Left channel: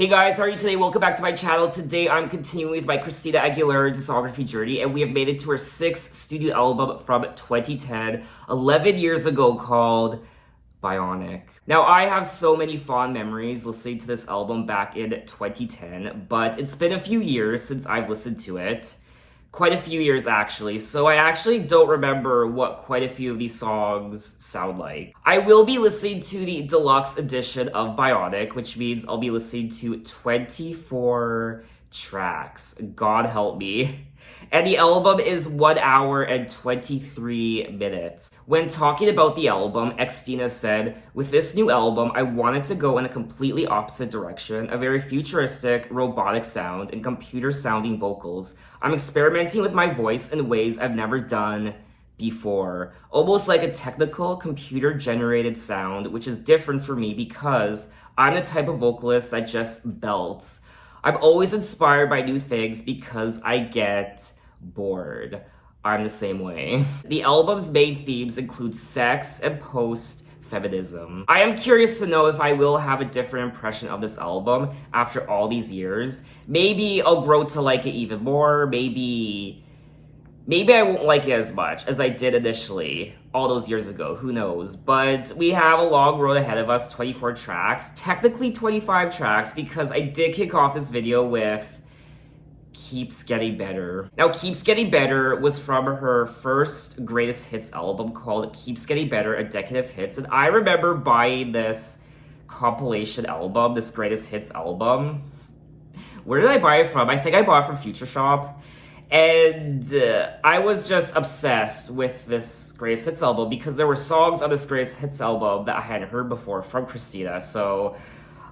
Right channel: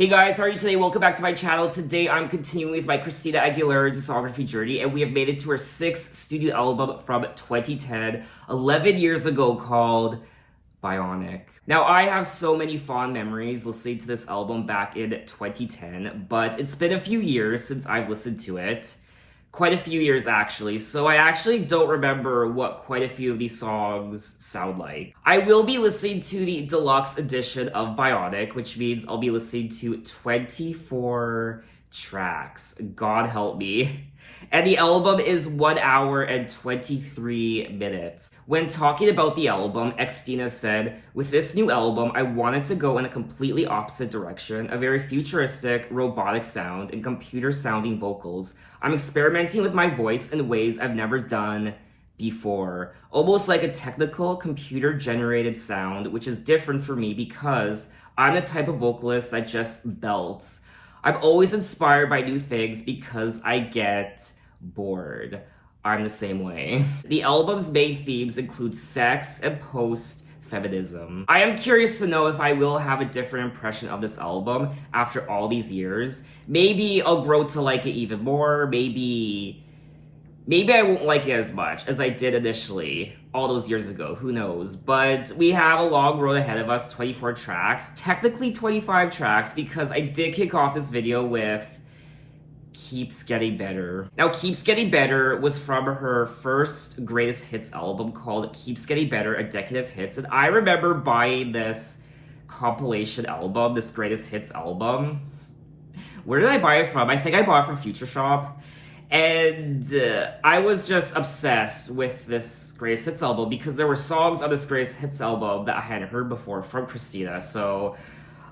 Hey guys, how are you today? Welcome back to my channel. Today I'm continuing with my Christina Aguilera discography journey, and we have made it to her 6th studio album from 2010, 11 years ago, called Bionic. Now, I have so many fond memories listening to this album back in 2010, but it's been a few years since I've listened to it. Quite a few years, actually, so I actually don't remember what quite a few of these songs sound like. I will be listening to the deluxe edition of Bionic, which means I'll be listening to 24 tracks. God help me. And the album is 1 hour and 23 minutes. When talking about the album, Xtina said, "With this new album, I wanted to go in a completely opposite direction, a very futuristic, robotic sound and computer-sounding vocals. I'm experimenting with my voice in ways I've never done before. Almost like a technical, computer-generated sound, which is different for me because I'm the type of vocalist that just belts. I'm always inspired by new things because I get bored. I'm the same way." The album's main themes include sex and post-feminism. I am curious to know if I will have a different impression of this album after all these years. Maybe I'll grow to like it even more. Maybe I won't like it as much as I did initially all those years ago. Who knows? But we have a long road ahead of us, 24 tracks. Technically 25 tracks because I did kick off this video with Keeps Getting Better. Now, Keeps Getting Better was from her first greatest hits album called Keeps Getting Better, A Decade of Hits. And I remember buying this compilation album, this greatest hits album. Where did I buy it from? I think I bought it from Future Shop. And I was just obsessed with this greatest hits album because there were songs on this greatest hits album that I hadn't heard before from Christina. So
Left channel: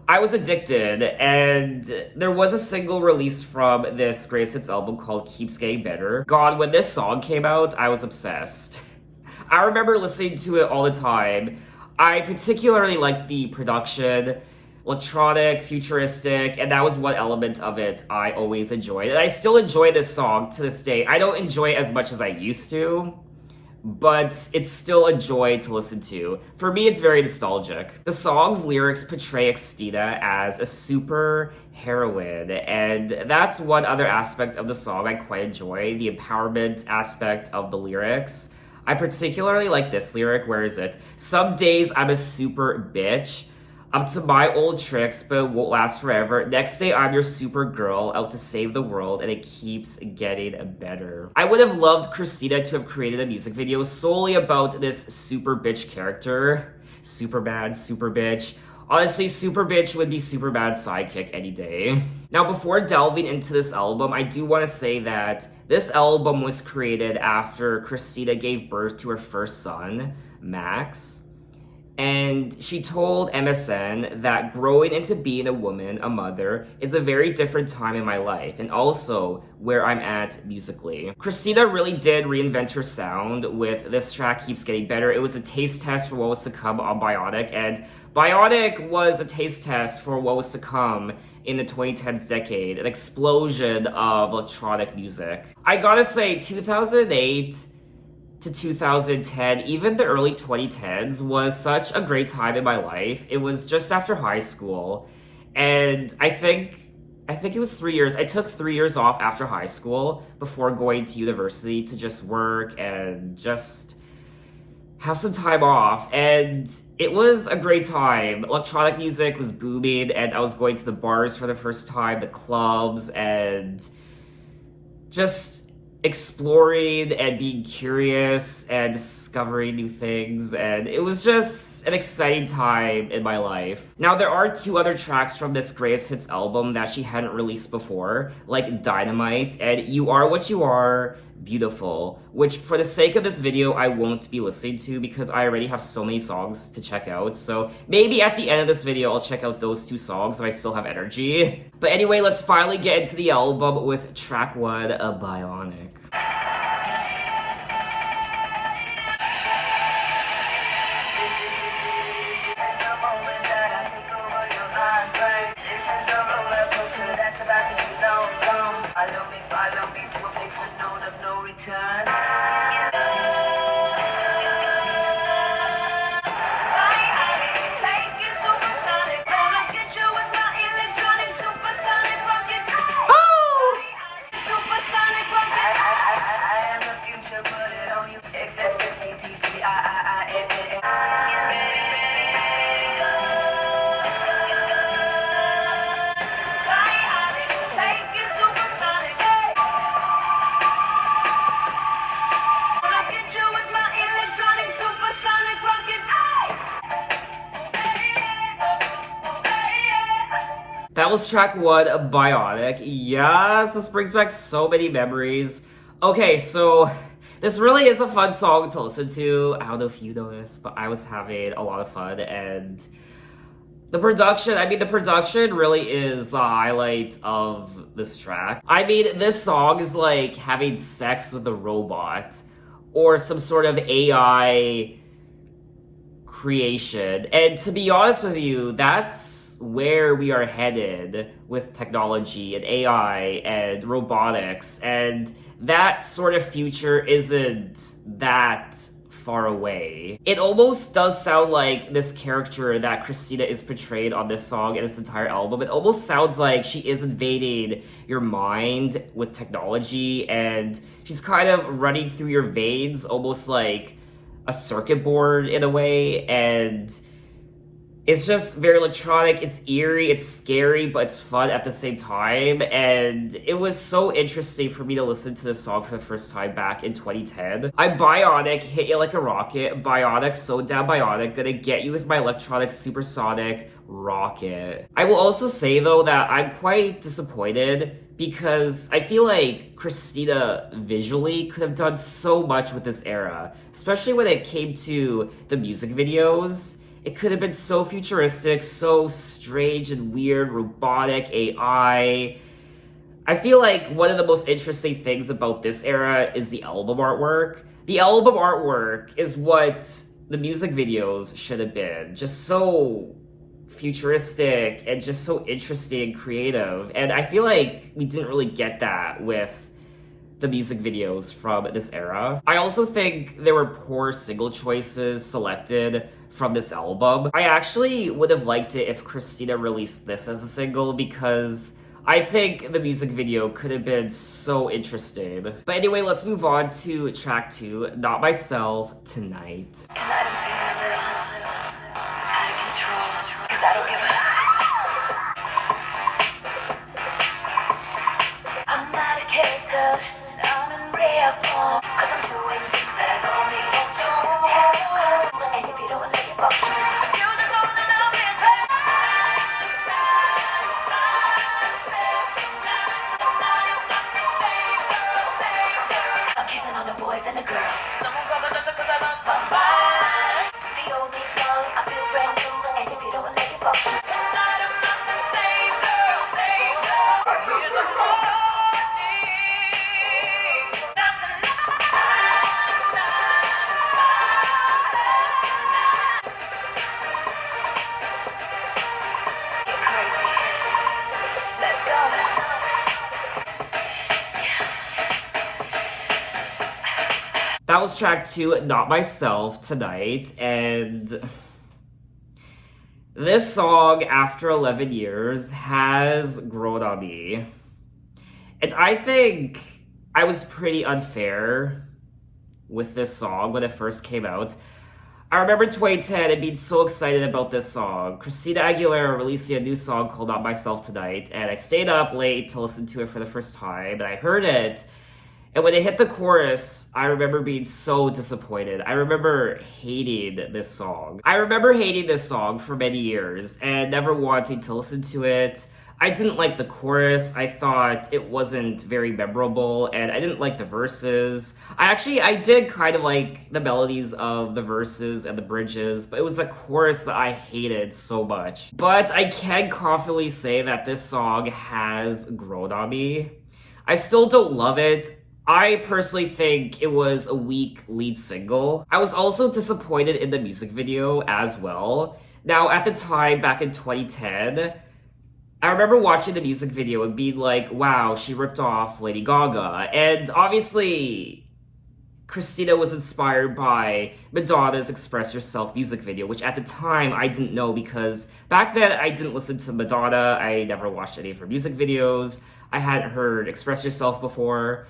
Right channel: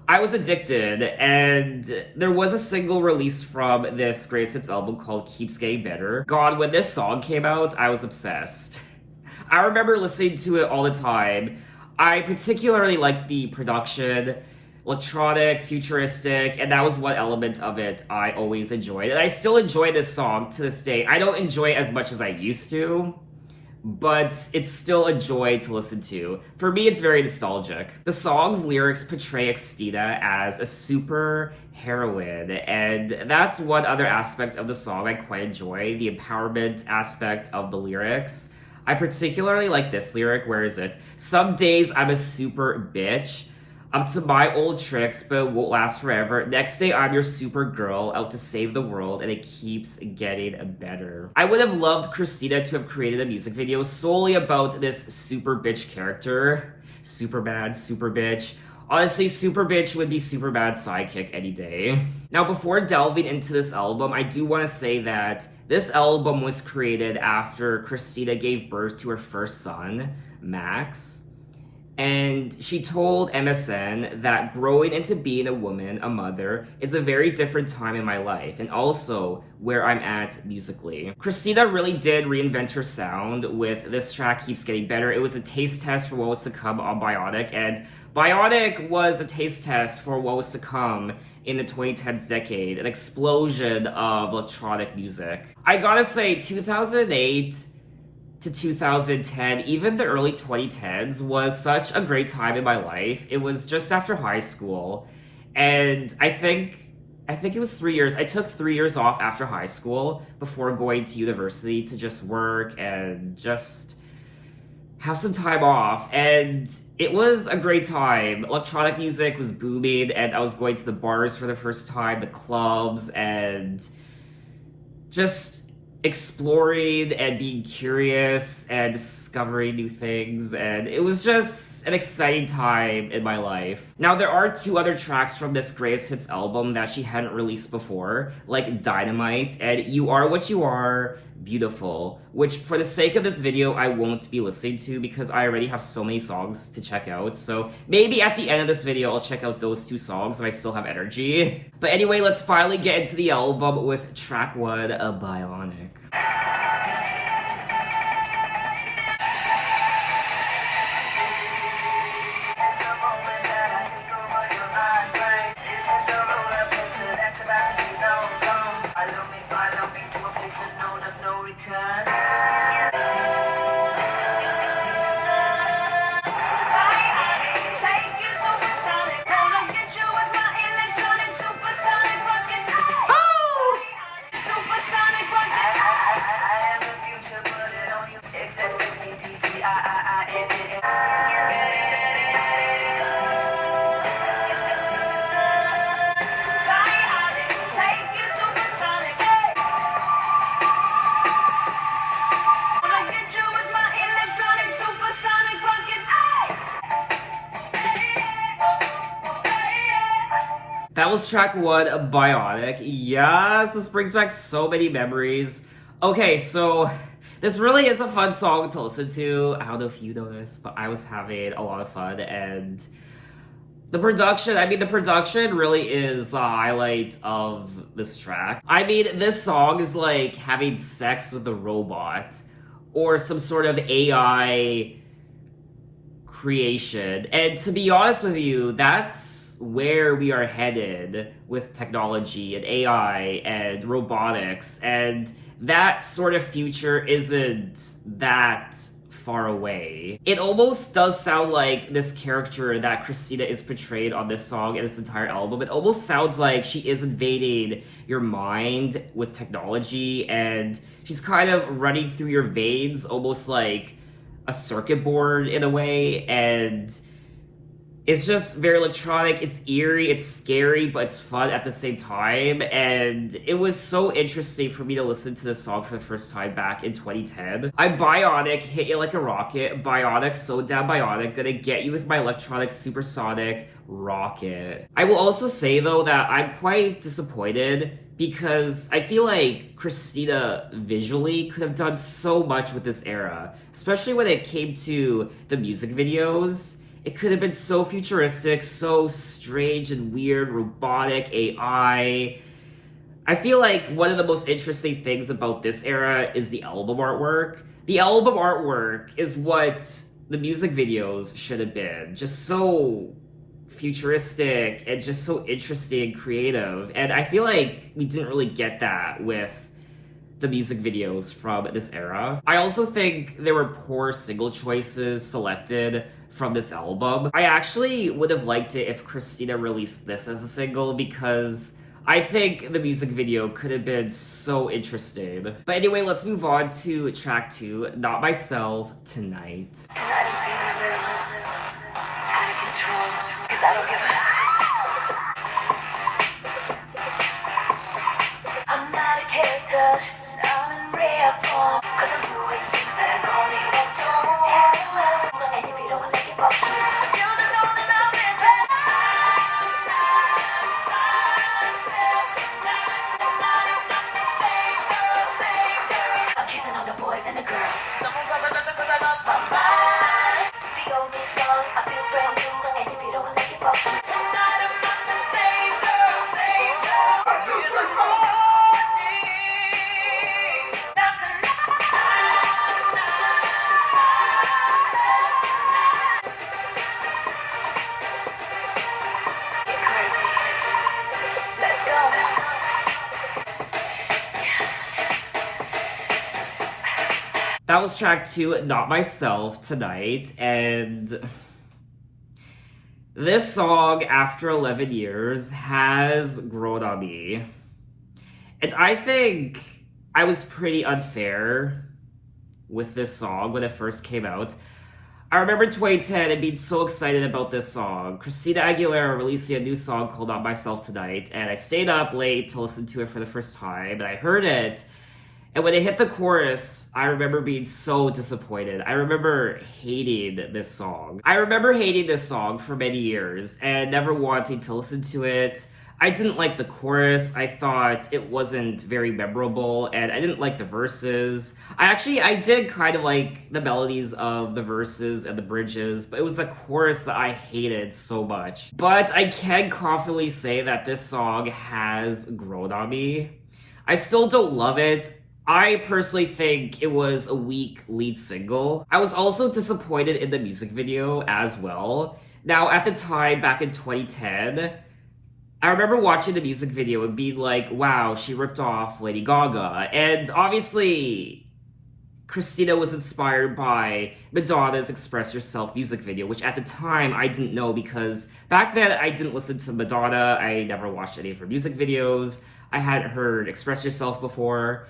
I was addicted, and there was a single released from this greatest hits album called Keeps Getting Better. God, when this song came out, I was obsessed. I remember listening to it all the time. I particularly liked the production, electronic, futuristic, and that was one element of it I always enjoyed. And I still enjoy this song to this day. I don't enjoy it as much as I used to, but it's still a joy to listen to. For me, it's very nostalgic. The song's lyrics portray Xtina as a super heroine, and that's one other aspect of the song I quite enjoy, the empowerment aspect of the lyrics. I particularly like this lyric. Where is it? "Some days I'm a super bitch. Up to my old tricks, but it won't last forever. Next day, I'm your super girl, out to save the world, and it keeps getting better." I would have loved Christina to have created a music video solely about this super bitch character. Super bad, super bitch. Honestly, super bitch would be Superman's sidekick any day. Now, before delving into this album, I do want to say that this album was created after Christina gave birth to her first son, Max. And she told MSN that growing into being a woman, a mother, is a very different time in my life, and also where I'm at musically. Christina really did reinvent her sound with this track, Keeps Getting Better. It was a taste test for what was to come on Bionic, and Bionic was a taste test for what was to come in the 2010s decade, an explosion of electronic music. I gotta say, 2008 to 2010, even the early 2010s, was such a great time in my life. It was just after high school, and I think it was 3 years. I took 3 years off after high school before going to university to just work and just have some time off, and it was a great time. Electronic music was booming, and I was going to the bars for the first time, the clubs, and just exploring and being curious and discovering new things, and it was just an exciting time in my life. Now, there are 2 other tracks from this greatest hits album that she hadn't released before, like Dynamite and You Are What You Are, Beautiful, which for the sake of this video I won't be listening to because I already have so many songs to check out. So maybe at the end of this video I'll check out those 2 songs if I still have energy. But anyway, let's finally get into the album with track 1, A Bionic. That was track 1 of Bionic. Yes, this brings back so many memories. Okay, so this really is a fun song to listen to. I don't know if you know this, but I was having a lot of fun, and the production really is the highlight of this track. I mean, this song is like having sex with a robot or some sort of AI creation. And to be honest with you, that's where we are headed with technology and AI and robotics, and that sort of future isn't that far away. It almost does sound like this character that Christina is portrayed on this song and this entire album. It almost sounds like she is invading your mind with technology, and she's kind of running through your veins almost like a circuit board in a way, and it's just very electronic, it's eerie, it's scary, but it's fun at the same time. And it was so interesting for me to listen to this song for the first time back in 2010. I'm Bionic, hit you like a rocket. Bionic, so damn Bionic, gonna get you with my electronic supersonic rocket. I will also say though that I'm quite disappointed because I feel like Christina visually could have done so much with this era, especially when it came to the music videos. It could have been so futuristic, so strange and weird, robotic, AI. I feel like one of the most interesting things about this era is the album artwork. The album artwork is what the music videos should have been. Just so futuristic and just so interesting and creative. And I feel like we didn't really get that with the music videos from this era. I also think there were poor single choices selected from this album. I actually would have liked it if Christina released this as a single because I think the music video could have been so interesting. But anyway, let's move on to track 2, Not Myself, Tonight. That was track 2, Not Myself, Tonight, and this song, after 11 years, has grown on me. And I think I was pretty unfair with this song when it first came out. I remember 2010 and being so excited about this song. Christina Aguilera releasing a new song called Not Myself Tonight, and I stayed up late to listen to it for the first time, and I heard it. And when it hit the chorus, I remember being so disappointed. I remember hating this song. I remember hating this song for many years and never wanting to listen to it. I didn't like the chorus. I thought it wasn't very memorable, and I didn't like the verses. I did kind of like the melodies of the verses and the bridges, but it was the chorus that I hated so much. But I can confidently say that this song has grown on me. I still don't love it. I personally think it was a weak lead single. I was also disappointed in the music video as well. Now, at the time, back in 2010, I remember watching the music video and being like, wow, she ripped off Lady Gaga. And obviously, Christina was inspired by Madonna's Express Yourself music video, which at the time I didn't know because back then I didn't listen to Madonna. I never watched any of her music videos. I hadn't heard Express Yourself before.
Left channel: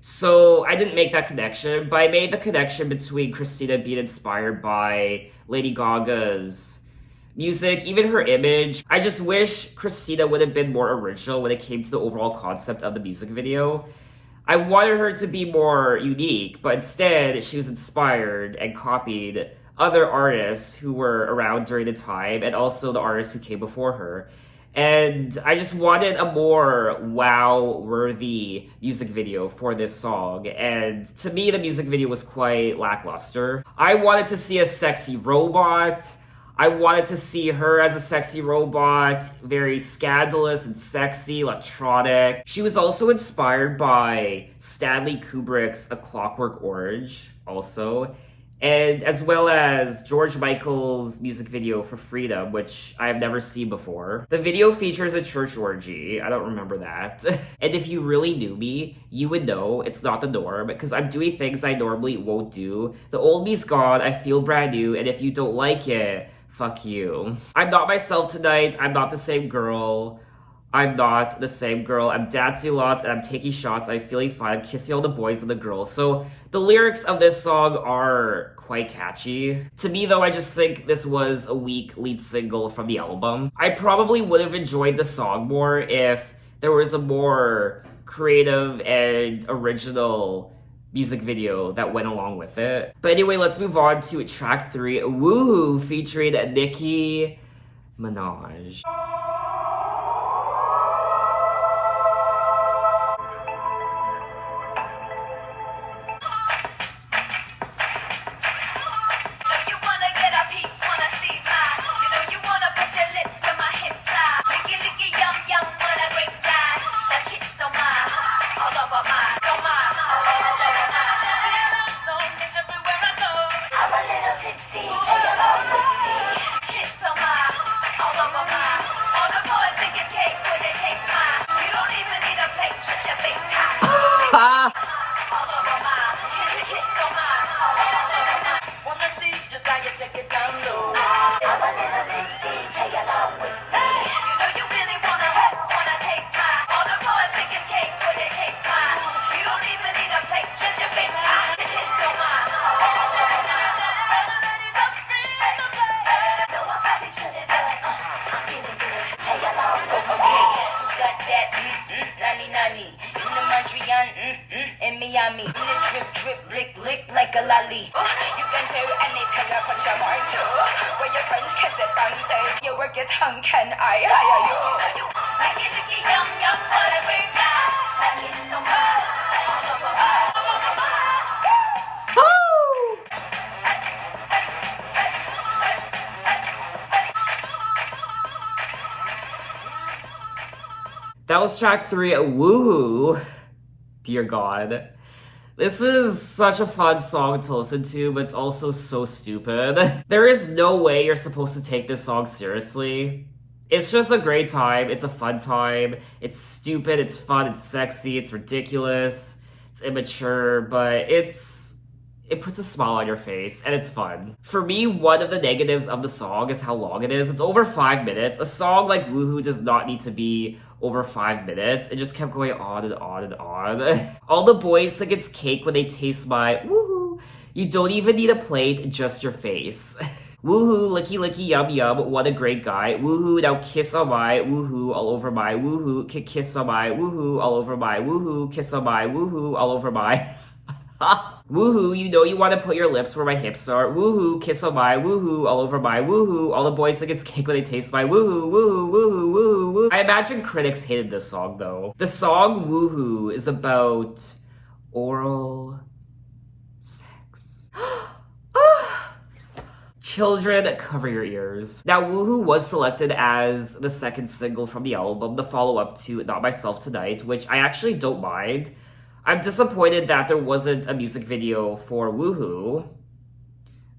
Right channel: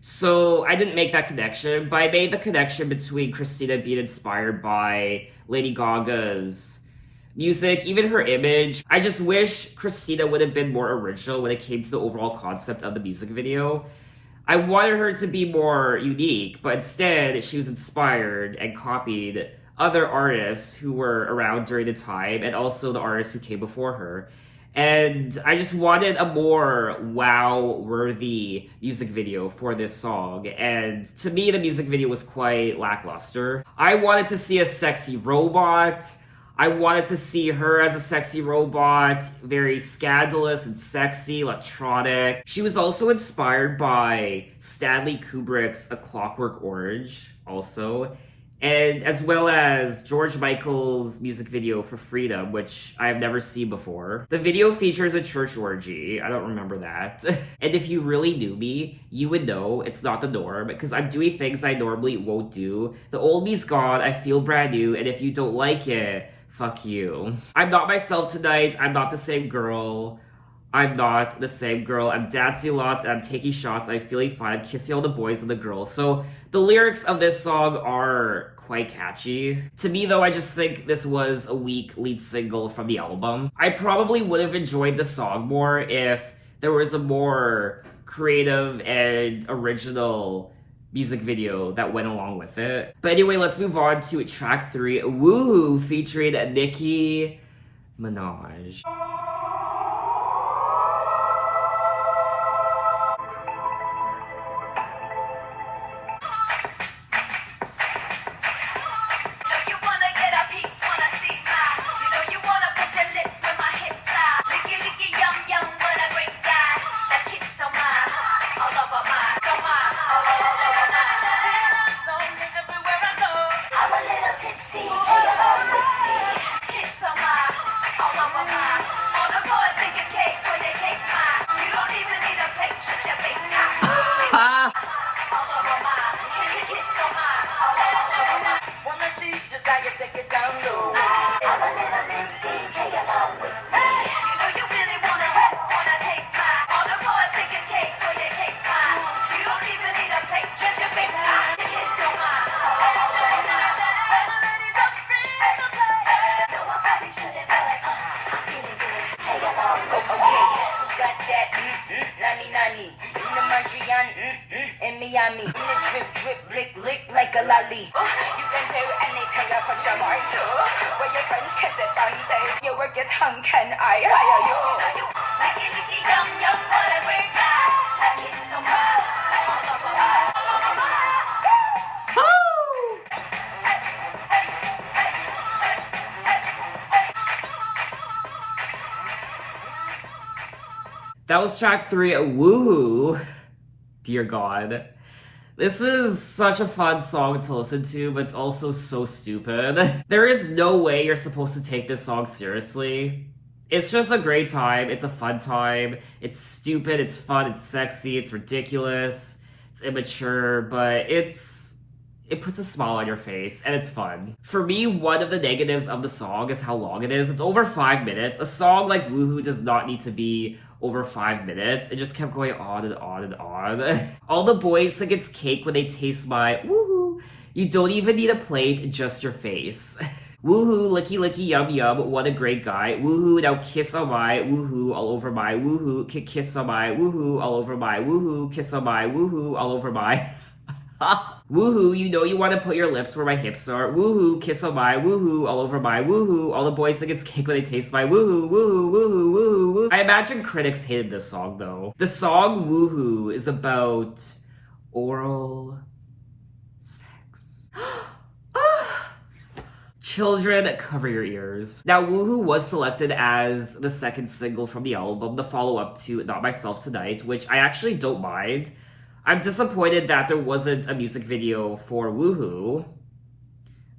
So I didn't make that connection, but I made the connection between Christina being inspired by Lady Gaga's music, even her image. I just wish Christina would have been more original when it came to the overall concept of the music video. I wanted her to be more unique, but instead she was inspired and copied other artists who were around during the time and also the artists who came before her. And I just wanted a more wow-worthy music video for this song. And to me, the music video was quite lackluster. I wanted to see a sexy robot. I wanted to see her as a sexy robot, very scandalous and sexy, electronic. She was also inspired by Stanley Kubrick's A Clockwork Orange, also. And as well as George Michael's music video for Freedom, which I have never seen before. The video features a church orgy. I don't remember that. And if you really knew me, you would know it's not the norm because I'm doing things I normally won't do. The old me's gone, I feel brand new, and if you don't like it, fuck you. I'm not myself tonight. I'm not the same girl. I'm not the same girl. I'm dancing a lot and I'm taking shots. I'm feeling fine. I'm kissing all the boys and the girls. So the lyrics of this song are quite catchy. To me though, I just think this was a weak lead single from the album. I probably would have enjoyed the song more if there was a more creative and original music video that went along with it. But anyway, let's move on to track 3, Woohoo, featuring Nicki Minaj. In Miami, in the drip, drip, lick, lick like a lolly. You can do anything I put your mind to. Where your friends kiss it down, say you work your tongue, can I hire you? Licky, licky, yum, yum, whatever you got. That is so much. That was track 3, Woohoo. Dear God. This is such a fun song to listen to, but it's also so stupid. There is no way you're supposed to take this song seriously. It's just a great time. It's a fun time. It's stupid, it's fun, it's sexy, it's ridiculous, it's immature, but it puts a smile on your face, and it's fun. For me, one of the negatives of the song is how long it is. It's over 5 minutes. A song like Woohoo does not need to be over 5 minutes. It just kept going on and on and on. All the boys think it's cake when they taste my woohoo. You don't even need a plate, just your face. Woohoo, licky licky yum yum, what a great guy. Woohoo, now kiss on my, woohoo, all over my, woohoo, kiss on my, woohoo, all over my, woohoo, kiss on my, woohoo, all over my. Woohoo, you know you want to put your lips where my hips are. Woohoo, kiss on my, woohoo, all over my, woohoo. All the boys think it's cake when they taste my woohoo, woohoo, woohoo, woohoo, woohoo. I imagine critics hated this song though. The song Woohoo is about oral sex. Children, cover your ears. Now, Woohoo was selected as the second single from the album, the follow-up to Not Myself Tonight, which I actually don't mind. I'm disappointed that there wasn't a music video for Woohoo.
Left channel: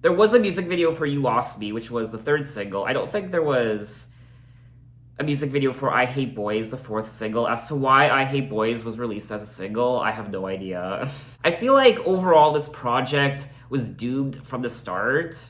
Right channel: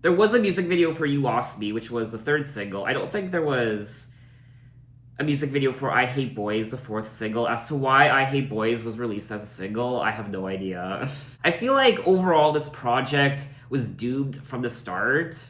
There was a music video for You Lost Me, which was the third single. I don't think there was a music video for I Hate Boys, the fourth single. As to why I Hate Boys was released as a single, I have no idea. I feel like overall this project was doomed from the start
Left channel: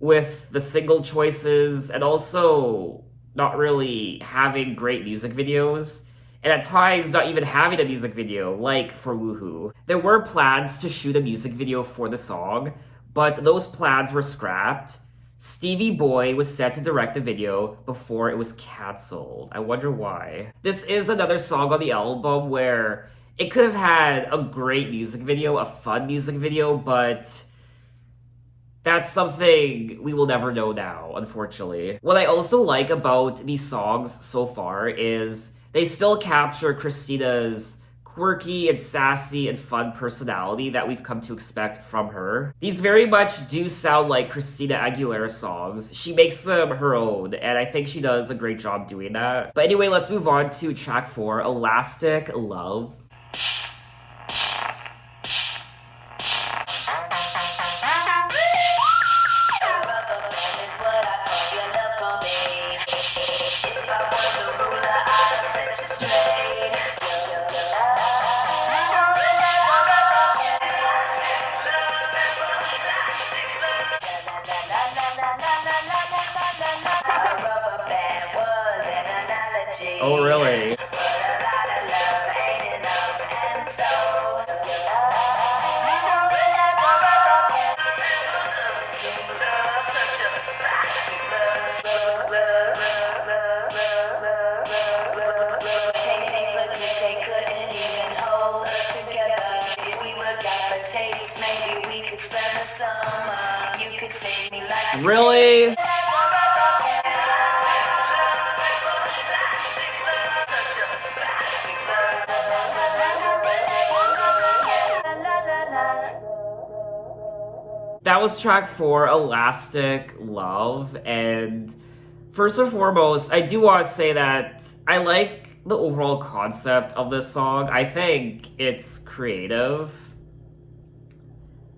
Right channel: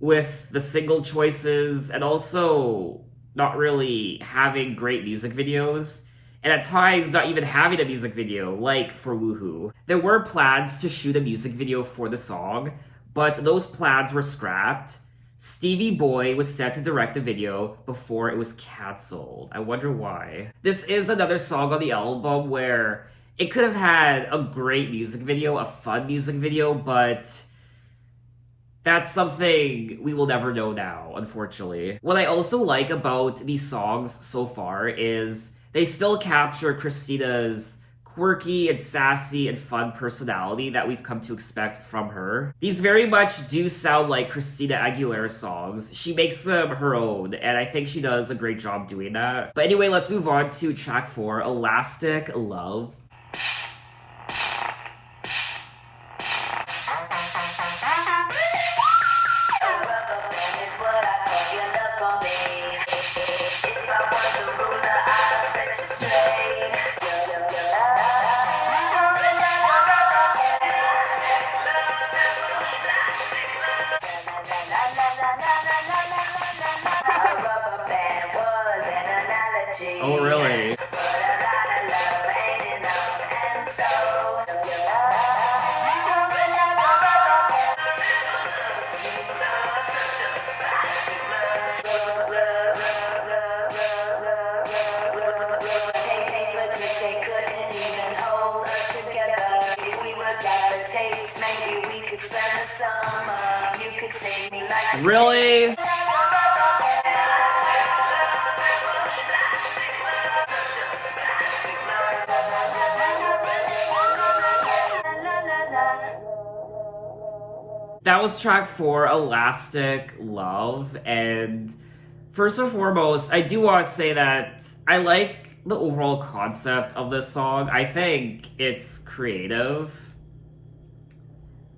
with the single choices and also not really having great music videos. And at times, not even having a music video, like for Woohoo. There were plans to shoot a music video for the song, but those plans were scrapped. Stevie Boy was set to direct the video before it was cancelled. I wonder why. This is another song on the album where it could have had a great music video, a fun music video, but That's something we will never know now, unfortunately. What I also like about these songs so far is they still capture Christina's quirky and sassy and fun personality that we've come to expect from her. These very much do sound like Christina Aguilera songs. She makes them her own, and I think she does a great job doing that. But anyway, let's move on to track 4, Elastic Love. Oh, really? Maybe we could spend the summer. You could take me like Really? That was track 4, Elastic Love, and first and foremost, I do want to say that I like the overall concept of this song. I think it's creative,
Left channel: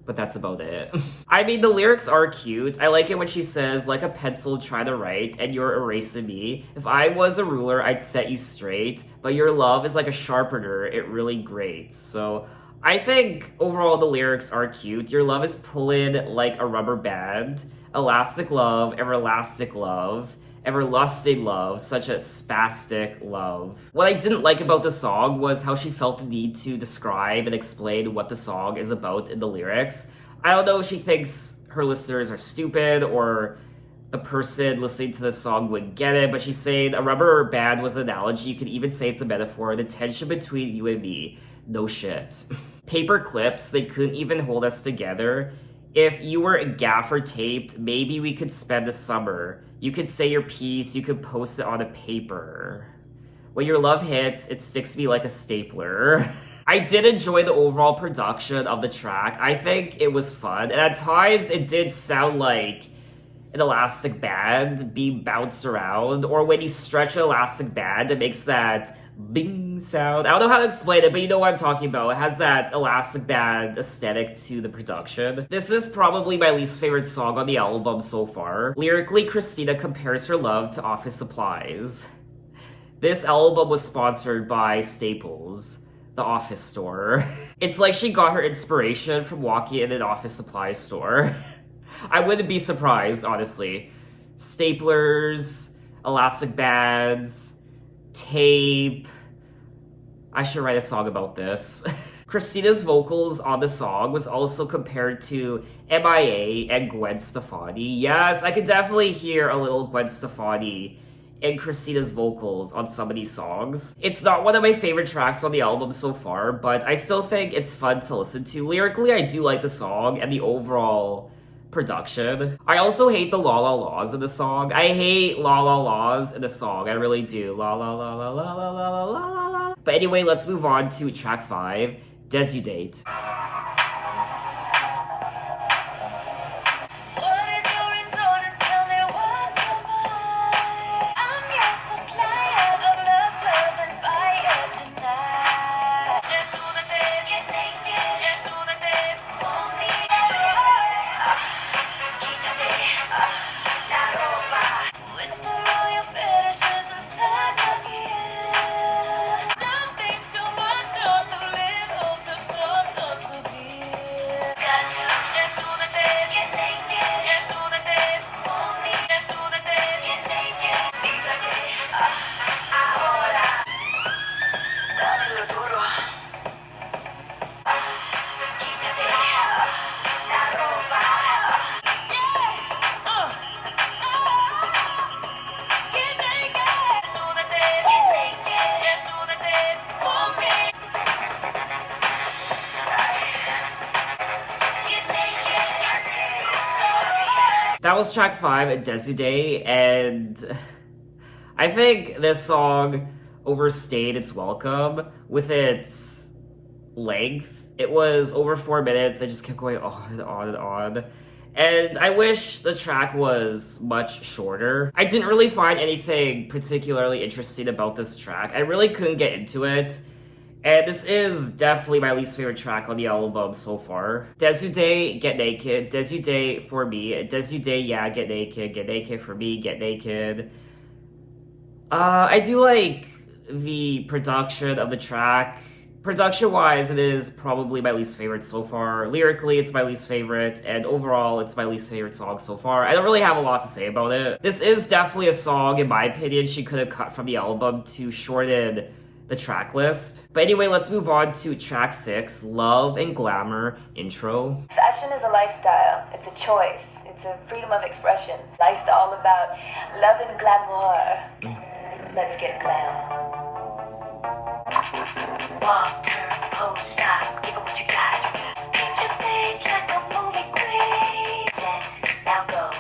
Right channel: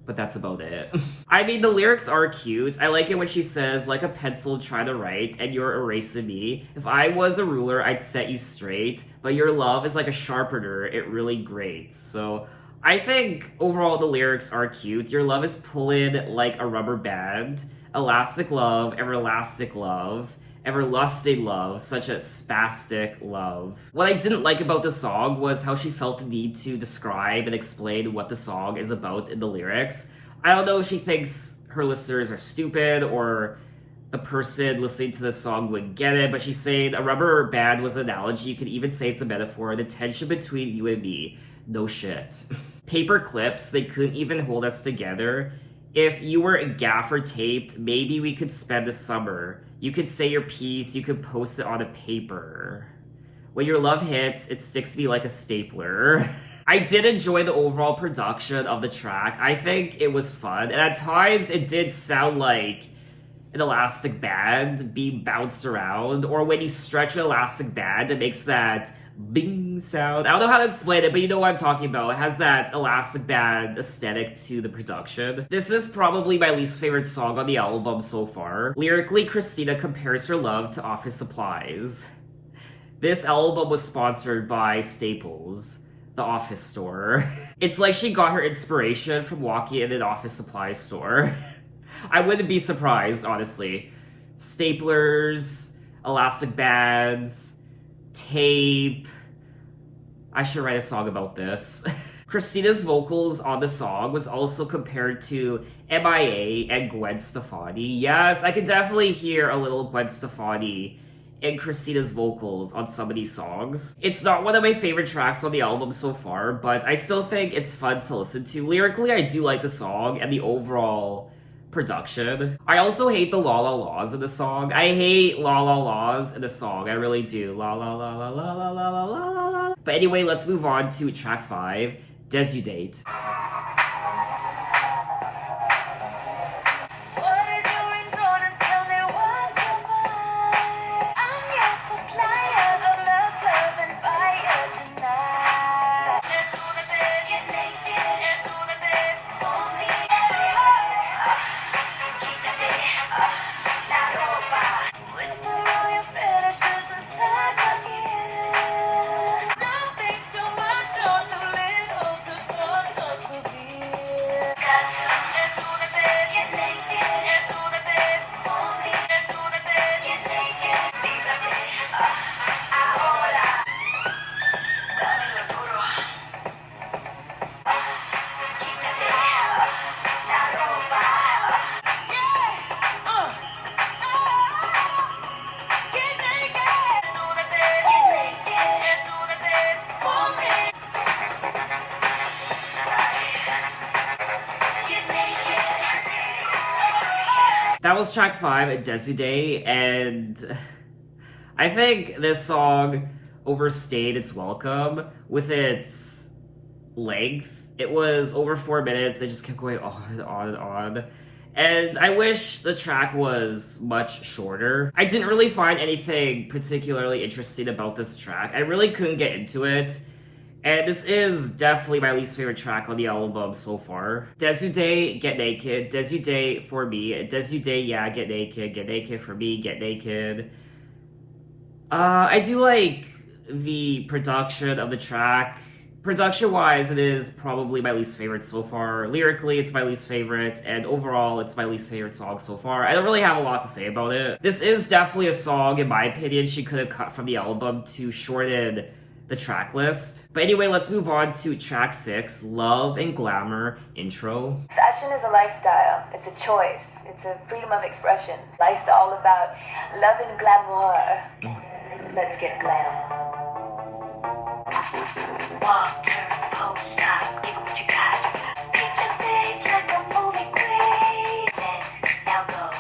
but that's about it. I mean, the lyrics are cute. I like it when she says, like a pencil try to write, and you're erasing me. If I was a ruler, I'd set you straight, but your love is like a sharpener, it really grates. So I think overall the lyrics are cute. Your love is pulling like a rubber band. Elastic love, everlasting love, everlasting love, such a spastic love. What I didn't like about the song was how she felt the need to describe and explain what the song is about in the lyrics. I don't know if she thinks her listeners are stupid or the person listening to the song would get it, but she's saying a rubber band was an analogy. You could even say it's a metaphor, the tension between you and me. No shit. Paper clips, they couldn't even hold us together. If you were gaffer taped, maybe we could spend the summer. You could say your piece, you could post it on a paper. When your love hits, it sticks me like a stapler. I did enjoy the overall production of the track. I think it was fun, and at times it did sound like an elastic band being bounced around, or when you stretch an elastic band, it makes that bing sound. I don't know how to explain it, but you know what I'm talking about. It has that elastic band aesthetic to the production. This is probably my least favorite song on the album so far. Lyrically, Christina compares her love to office supplies. This album was sponsored by Staples, the office store. It's like she got her inspiration from walking in an office supply store. I wouldn't be surprised, honestly. Staplers, elastic bands, tape. I should write a song about this. Christina's vocals on the song was also compared to MIA and Gwen Stefani. Yes, I can definitely hear a little Gwen Stefani in Christina's vocals on some of these songs. It's not one of my favorite tracks on the album so far, but I still think it's fun to listen to. Lyrically, I do like the song and the overall production. I also hate the la la laws in the song. I hate la la laws in the song. I really do. La la la la la la la la la la la. But anyway, let's move on to track 5, Desudate. That was track 5, Desude, and I think this song overstayed its welcome with its length. It was over 4 minutes. They just kept going on and on and on. And I wish the track was much shorter. I didn't really find anything particularly interesting about this track. I really couldn't get into it. And this is definitely my least favorite track on the album so far. Desude, Get Naked. Desude for me. Desude, yeah, Get Naked. Get Naked for me. Get Naked. I do like the production of the track. Production-wise, it is probably my least favorite so far. Lyrically, it's my least favorite, and overall, it's my least favorite song so far. I don't really have a lot to say about it. This is definitely a song, in my opinion, she could have cut from the album to shorten the track list. But anyway, let's move on to track 6, Love and Glamour Intro. Fashion is a lifestyle. It's a choice. It's a freedom of expression. Life's all about love and glamour. Let's get glam. Walk, turn, pose, stop, give 'em what you got. Paint your face like a movie queen. Now go.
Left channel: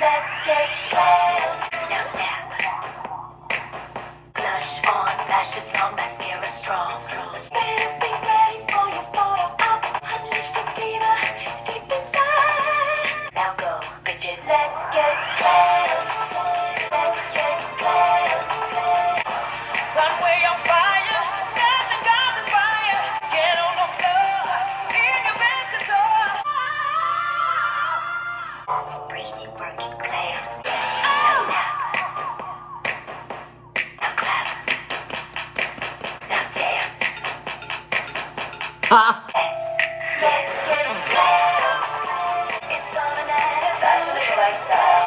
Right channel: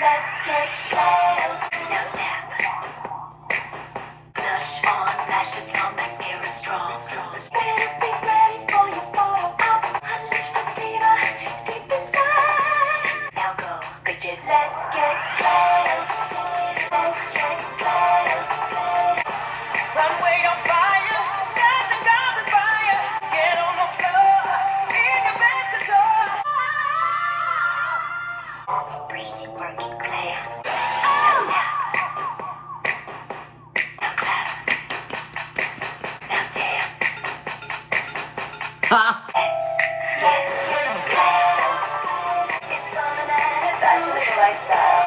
Let's get glam. Now snap. Blush on, lashes long, mascara strong. Better be ready for your photo op. Unleash the diva deep inside. Now go, bitches. Let's get glam. Let's get glam. Runway on fire, fashion gods inspire. Get on the floor, in your best control. Bring it, work it, glam. Now snap. Now clap. Now dance. Let's get glam. It's on an ad. Fashion is a lifestyle.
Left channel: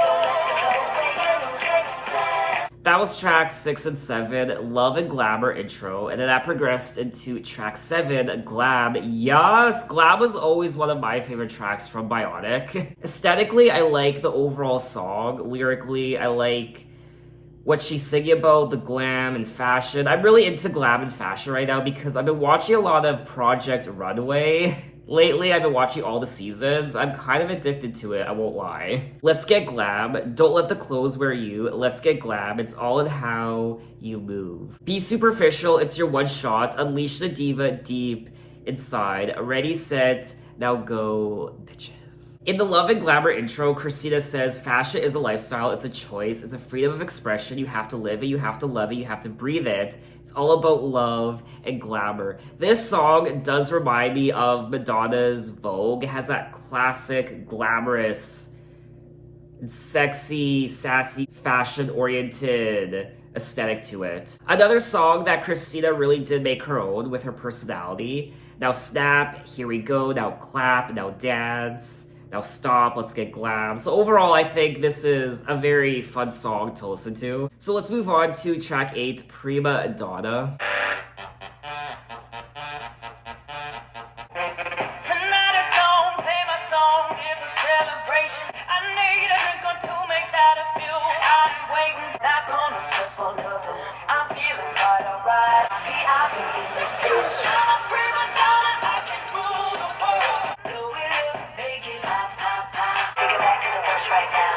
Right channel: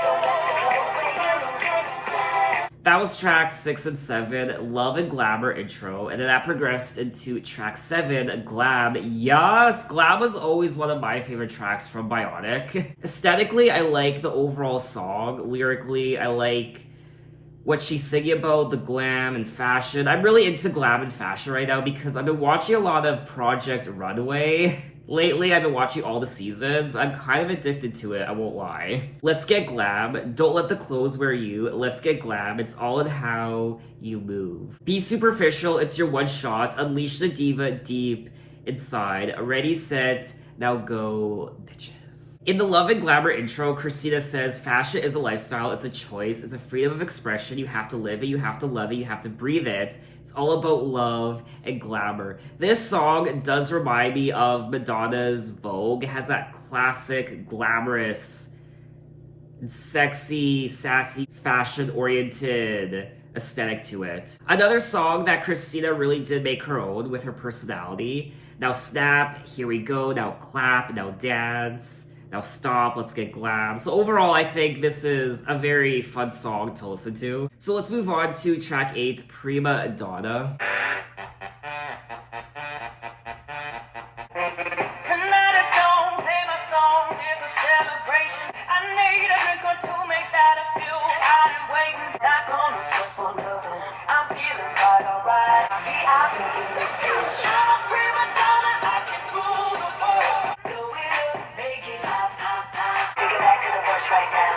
Don't let the clothes say you get glam. That was tracks 6 and 7, Love and Glamour Intro, and then that progressed into track 7, Glam. Yes, Glam was always one of my favorite tracks from Bionic. Aesthetically, I like the overall song. Lyrically, I like what she's singing about, the glam and fashion. I'm really into glam and fashion right now because I've been watching a lot of Project Runway. Lately, I've been watching all the seasons. I'm kind of addicted to it, I won't lie. Let's get glam. Don't let the clothes wear you. Let's get glam. It's all in how you move. Be superficial. It's your one shot. Unleash the diva deep inside. Ready, set, now go, bitches. In the Love and Glamour intro, Christina says, fashion is a lifestyle, it's a choice, it's a freedom of expression, you have to live it, you have to love it, you have to breathe it. It's all about love and glamour. This song does remind me of Madonna's Vogue. It has that classic, glamorous, sexy, sassy, fashion-oriented aesthetic to it. Another song that Christina really did make her own with her personality. Now snap, here we go, now clap, now dance. Now stop, let's get glam. So overall, I think this is a very fun song to listen to. So let's move on to track 8, Prima Dada. Tonight is on, play my song, it's a celebration. I need a drink or two, make that a few. I've been waiting, not gonna stress for nothing. I'm feeling quite alright. I've been in this bitch. I'm a prima donna, I can rule the world. Blow it up, make it pop, pop, pop. Take it back to the bush right now.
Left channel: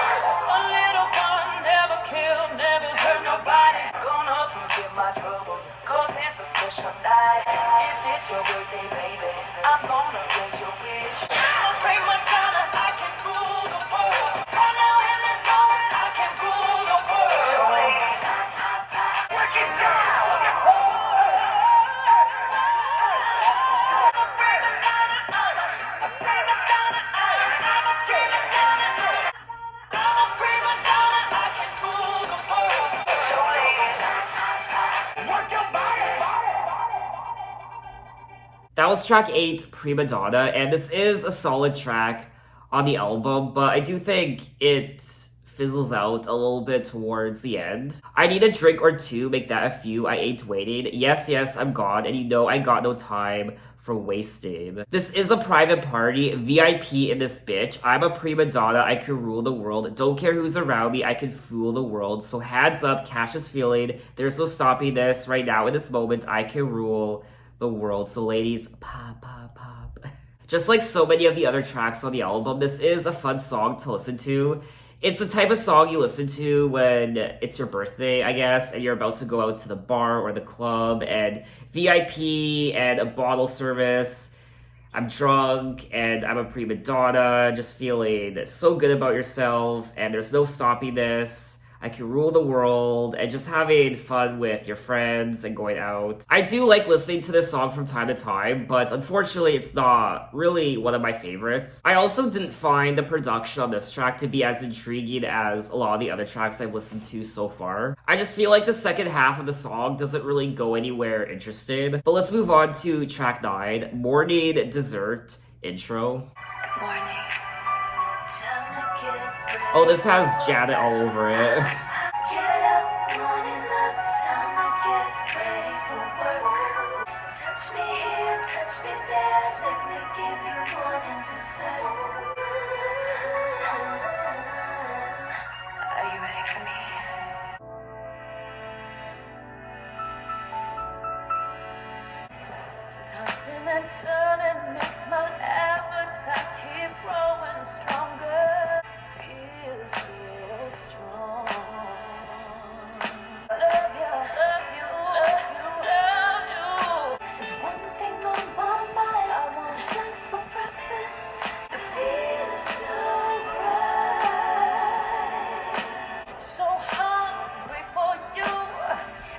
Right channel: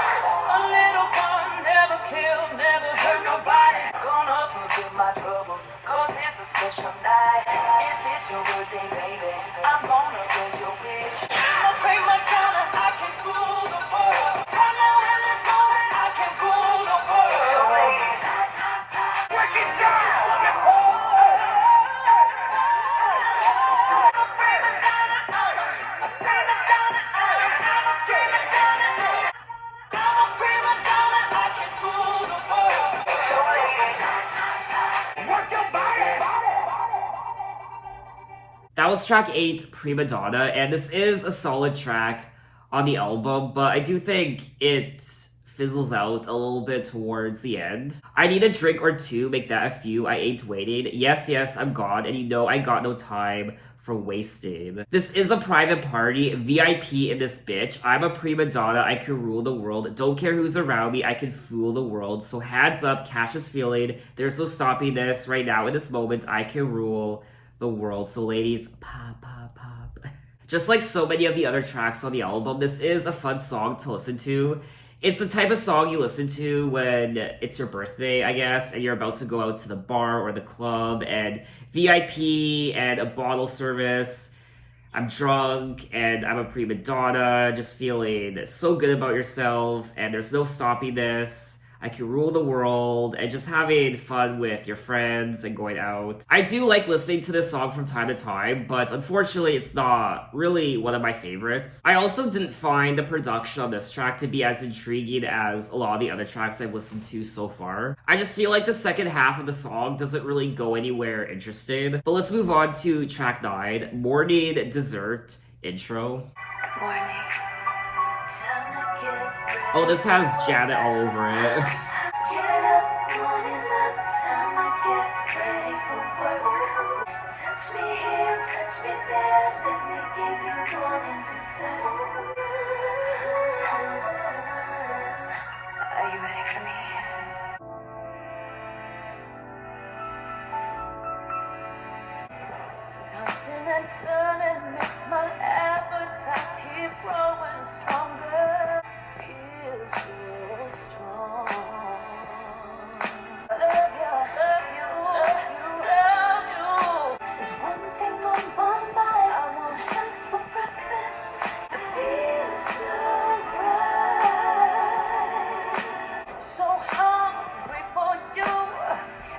A little fun, never kill, never hurt nobody. Gonna forget my troubles, cause it's a special night. If it's your birthday, baby, I'm gonna get your wish. I'm a prima donna, I can rule the world. Right now in this moment, I can rule the world. Pop, pop, pop. Work it down. That was track 8, Prima Dada, and this is a solid track on the album, but I do think it fizzles out a little bit towards the end. I need a drink or two, make that a few, I ain't waiting. Yes, yes, I'm gone, and you know I got no time for wasting. This is a private party, VIP in this bitch. I'm a prima donna, I can rule the world. Don't care who's around me, I can fool the world. So hands up, cash is feeling. There's no stopping this. Right now in this moment, I can rule the world. So ladies, pop, pop, pop. Just like so many of the other tracks on the album, this is a fun song to listen to. It's the type of song you listen to when it's your birthday, I guess, and you're about to go out to the bar or the club and VIP and a bottle service. I'm drunk and I'm a prima donna, just feeling so good about yourself, and there's no stopping this. I can rule the world, and just having fun with your friends and going out. I do like listening to this song from time to time, but unfortunately it's not really one of my favorites. I also didn't find the production on this track to be as intriguing as a lot of the other tracks I've listened to so far. I just feel like the second half of the song doesn't really go anywhere interesting. But let's move on to track 9, Morning Dessert Intro. Morning. Oh, this has Janet all over it. Get up, morning love, time I get ready for work. Touch me here, touch me there, let me give you morning dessert. Are you ready for me? Tossing and turning makes my appetite keep growing stronger. Feel so strong. I love you, love you, love you, love you. There's one thing on my mind. I want sex for breakfast. It feels so right. So hungry for you.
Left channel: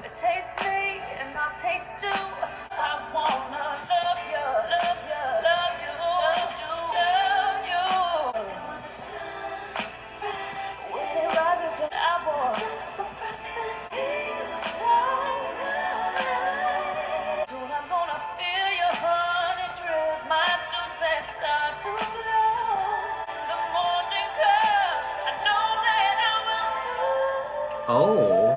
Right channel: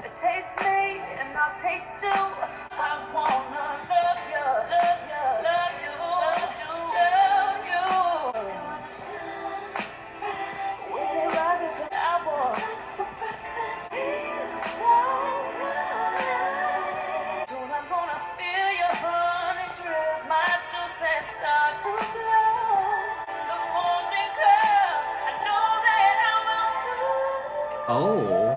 It tastes me and I taste you. I wanna love you, love you, love you, love you, love you. When the sun rises, when I want sex for breakfast, feels so right. Soon I'm gonna feel your honey drip, my juice and start to glow. The morning comes, I know that I will too. Oh.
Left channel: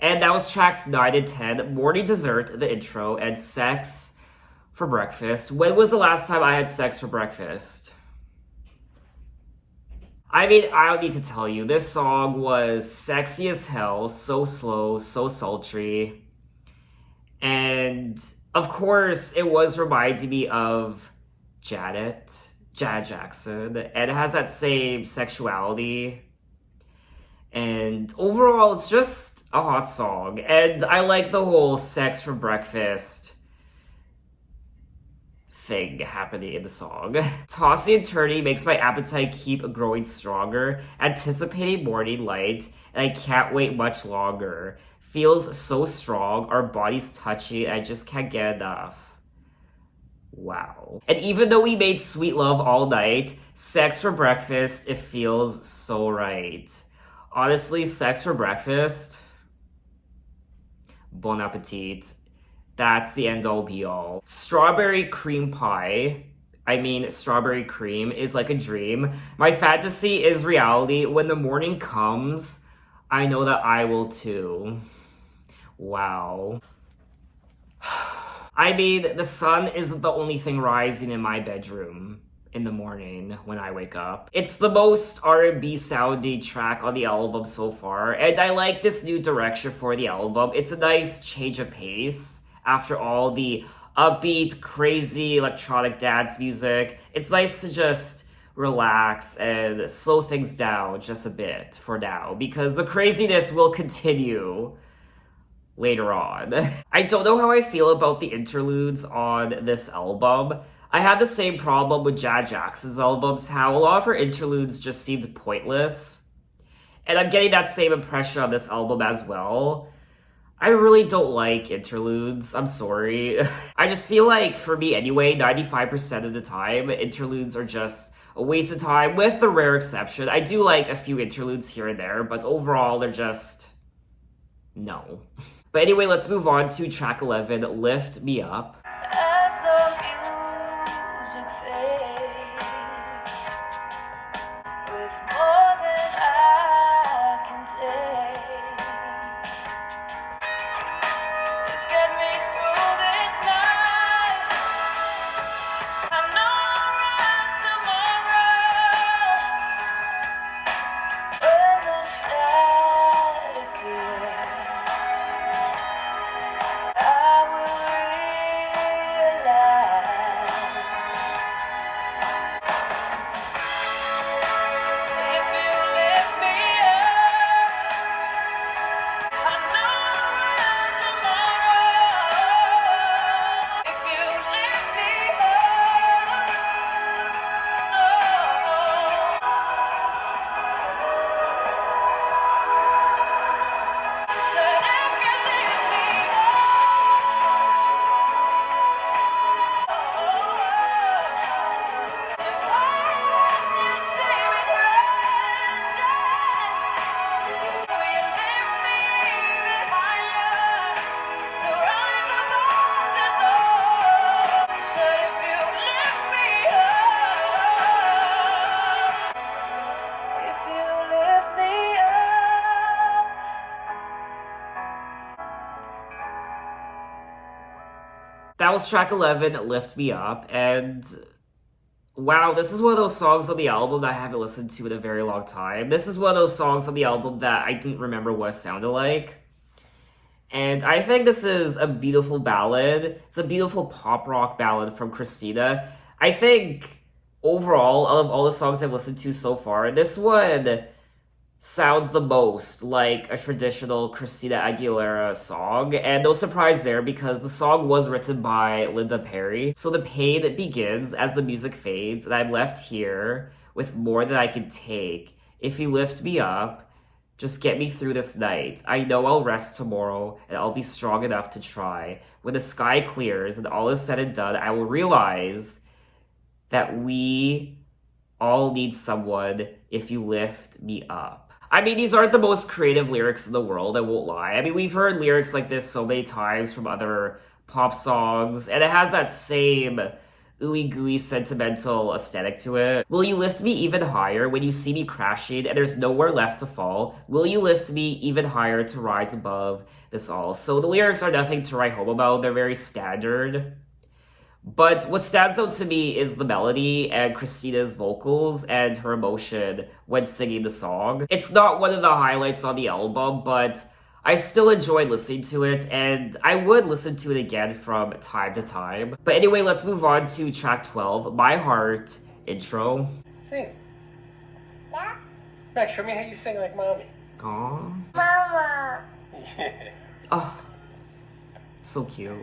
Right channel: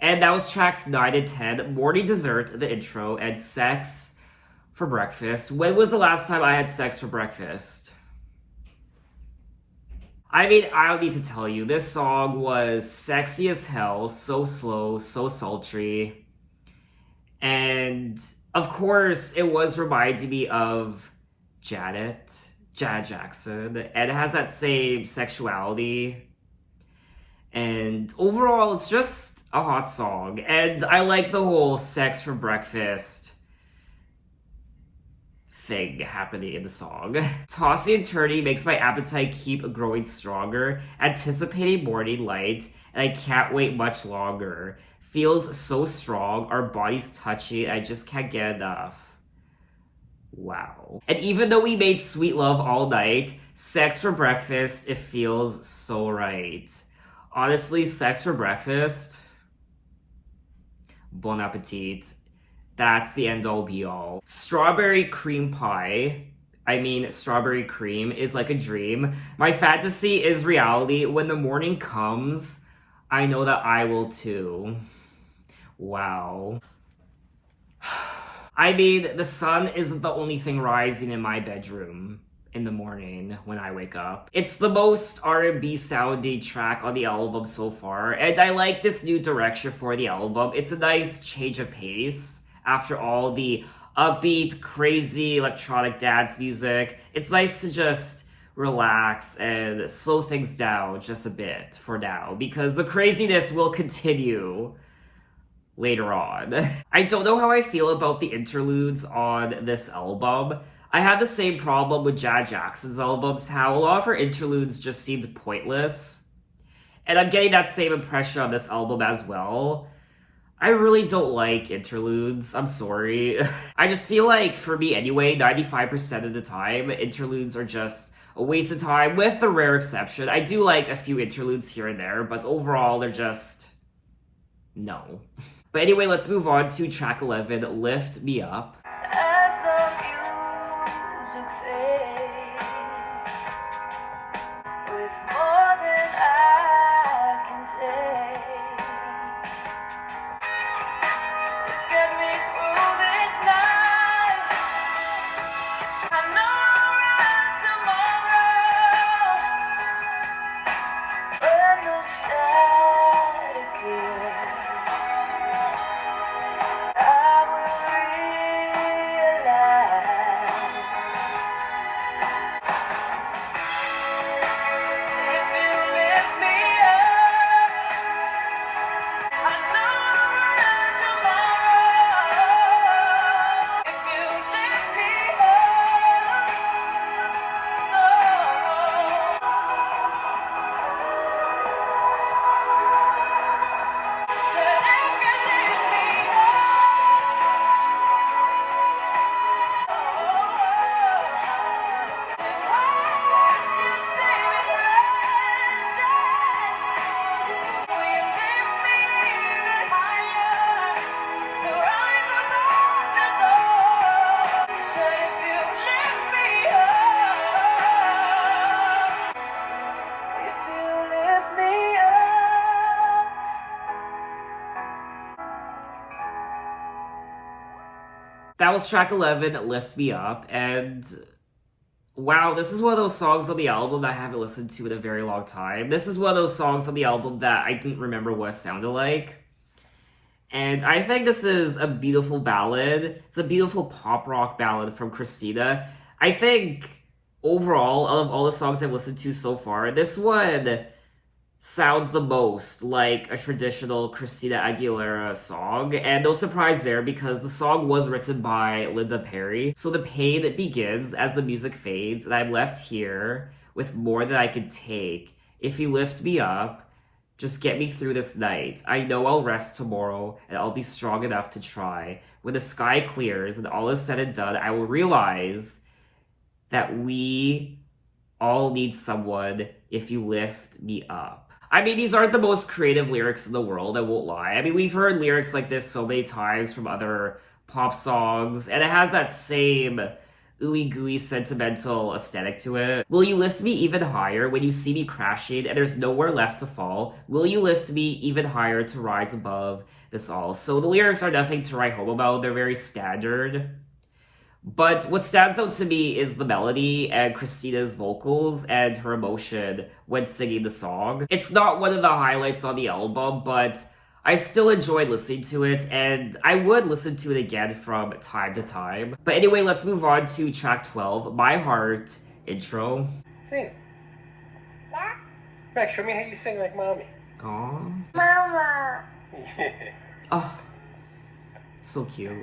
And that was tracks 9 and 10, Morning Dessert, the intro, and Sex for Breakfast. When was the last time I had sex for breakfast? I mean, I don't need to tell you, this song was sexy as hell, so slow, so sultry. And of course, it was reminding me of Janet Jackson, and it has that same sexuality. And overall, it's just a hot song. And I like the whole sex for breakfast thing happening in the song. Tossing and turning makes my appetite keep growing stronger. Anticipating morning light, and I can't wait much longer. Feels so strong, our bodies touching, I just can't get enough. Wow. And even though we made sweet love all night, sex for breakfast, it feels so right. Honestly, sex for breakfast, bon appetit. That's the end-all be-all. Strawberry cream pie, I mean strawberry cream, is like a dream. My fantasy is reality. When the morning comes, I know that I will too. Wow. I mean, the sun isn't the only thing rising in my bedroom in the morning when I wake up. It's the most R&B sounding track on the album so far, and I like this new direction for the album. It's a nice change of pace after all the upbeat, crazy electronic dance music. It's nice to just relax and slow things down just a bit for now, because the craziness will continue later on. I don't know how I feel about the interludes on this album. I had the same problem with Janet Jackson's albums, how a lot of her interludes just seemed pointless. And I'm getting that same impression on this album as well. I really don't like interludes, I'm sorry. I just feel like, for me anyway, 95% of the time, interludes are just a waste of time, with the rare exception. I do like a few interludes here and there, but overall, they're just... no. But anyway, let's move on to track 11, Lift Me Up. As the music fades, with more than I That was track 11, Lift Me Up, and wow, this is one of those songs on the album that I haven't listened to in a very long time. This is one of those songs on the album that I didn't remember what it sounded like. And I think this is a beautiful ballad. It's a beautiful pop rock ballad from Christina. I think overall, out of all the songs I've listened to so far, this one sounds the most like a traditional Christina Aguilera song, and no surprise there because the song was written by Linda Perry. So the pain begins as the music fades, and I'm left here with more than I can take. If you lift me up, just get me through this night. I know I'll rest tomorrow, and I'll be strong enough to try. When the sky clears and all is said and done, I will realize that we all need someone if you lift me up. I mean, these aren't the most creative lyrics in the world, I won't lie. I mean, we've heard lyrics like this so many times from other pop songs, and it has that same ooey-gooey sentimental aesthetic to it. Will you lift me even higher when you see me crashing and there's nowhere left to fall? Will you lift me even higher to rise above this all? So the lyrics are nothing to write home about. They're very standard. But what stands out to me is the melody and Christina's vocals and her emotion when singing the song. It's not one of the highlights on the album, but I still enjoyed listening to it, and I would listen to it again from time to time. But anyway, let's move on to track 12, My Heart Intro. Sing. Max, show me how you sing like mommy. Aww. Mama. Yeah. Oh, so cute.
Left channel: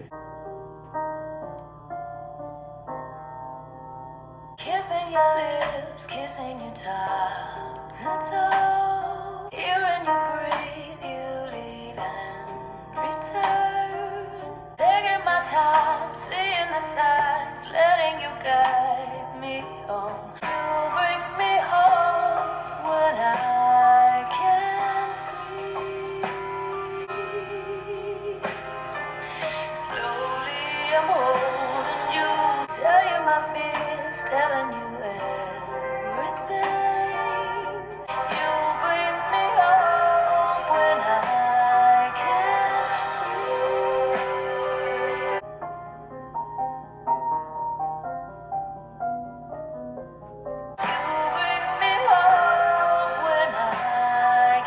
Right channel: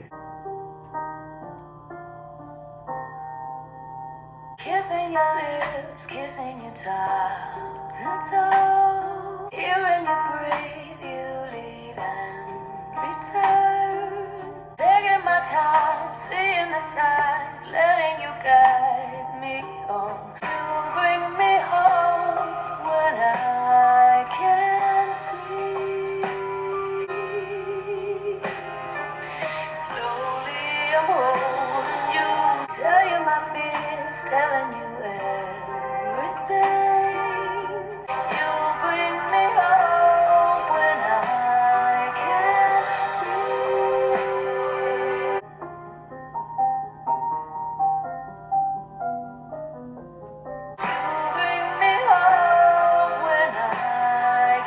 Kissing your lips, kissing your top to toe. Hearing you breathe, you leave and return. Taking my time, seeing the signs, letting you guide me home. You bring me home when I can't breathe. Slowly I'm holding you, tell you my fears, telling you everything. You bring me home when I can't breathe. You bring me home when I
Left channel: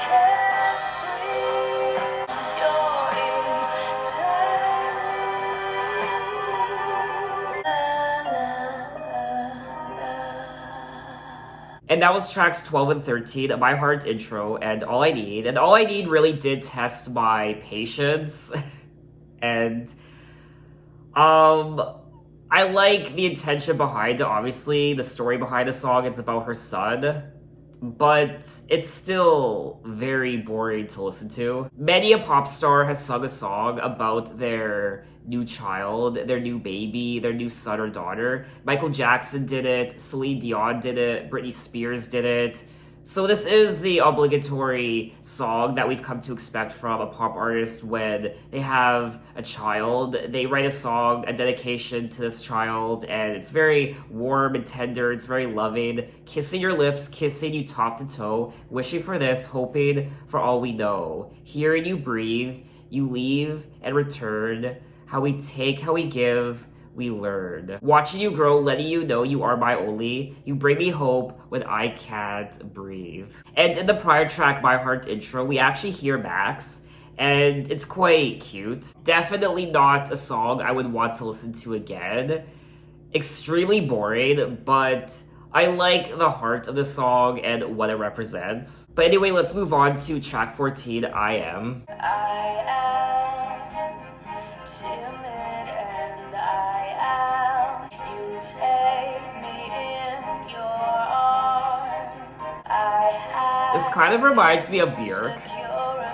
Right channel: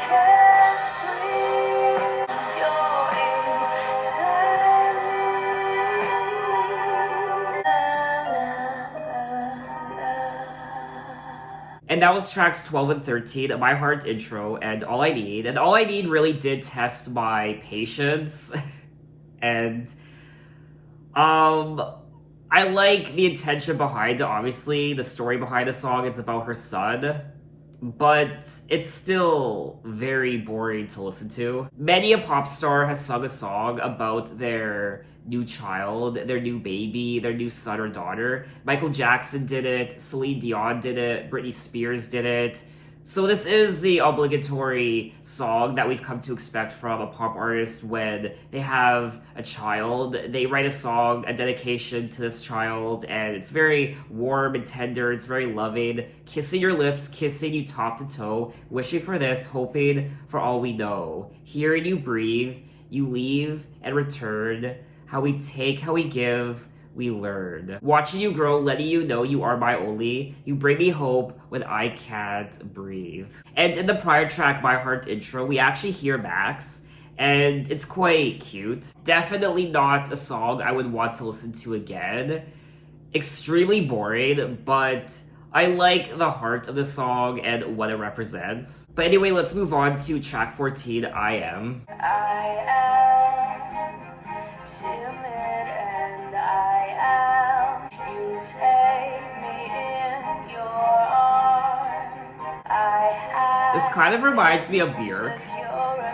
can't breathe. You're inside. And that was tracks 12 and 13, My Heart Intro, and All I Need. And All I Need really did test my patience. And, I like the intention behind it, obviously. The story behind the song, it's about her son. But it's still very boring to listen to. Many a pop star has sung a song about their new child, their new baby, their new son or daughter. Michael Jackson did it, Celine Dion did it, Britney Spears did it. So this is the obligatory song that we've come to expect from a pop artist when they have a child. They write a song, a dedication to this child, and it's very warm and tender, it's very loving. Kissing your lips, kissing you top to toe, wishing for this, hoping for all we know. Hearing you breathe, you leave and return. How we take, how we give, we learn. Watching you grow, letting you know you are my only. You bring me hope when I can't breathe. And in the prior track, My Heart Intro, we actually hear Max, and it's quite cute. Definitely not a song I would want to listen to again. Extremely boring, but I like the heart of the song and what it represents. But anyway, let's move on to track 14, I Am. I am timid and I am. You take me in your arms. I have This kind of reminds me of Björk.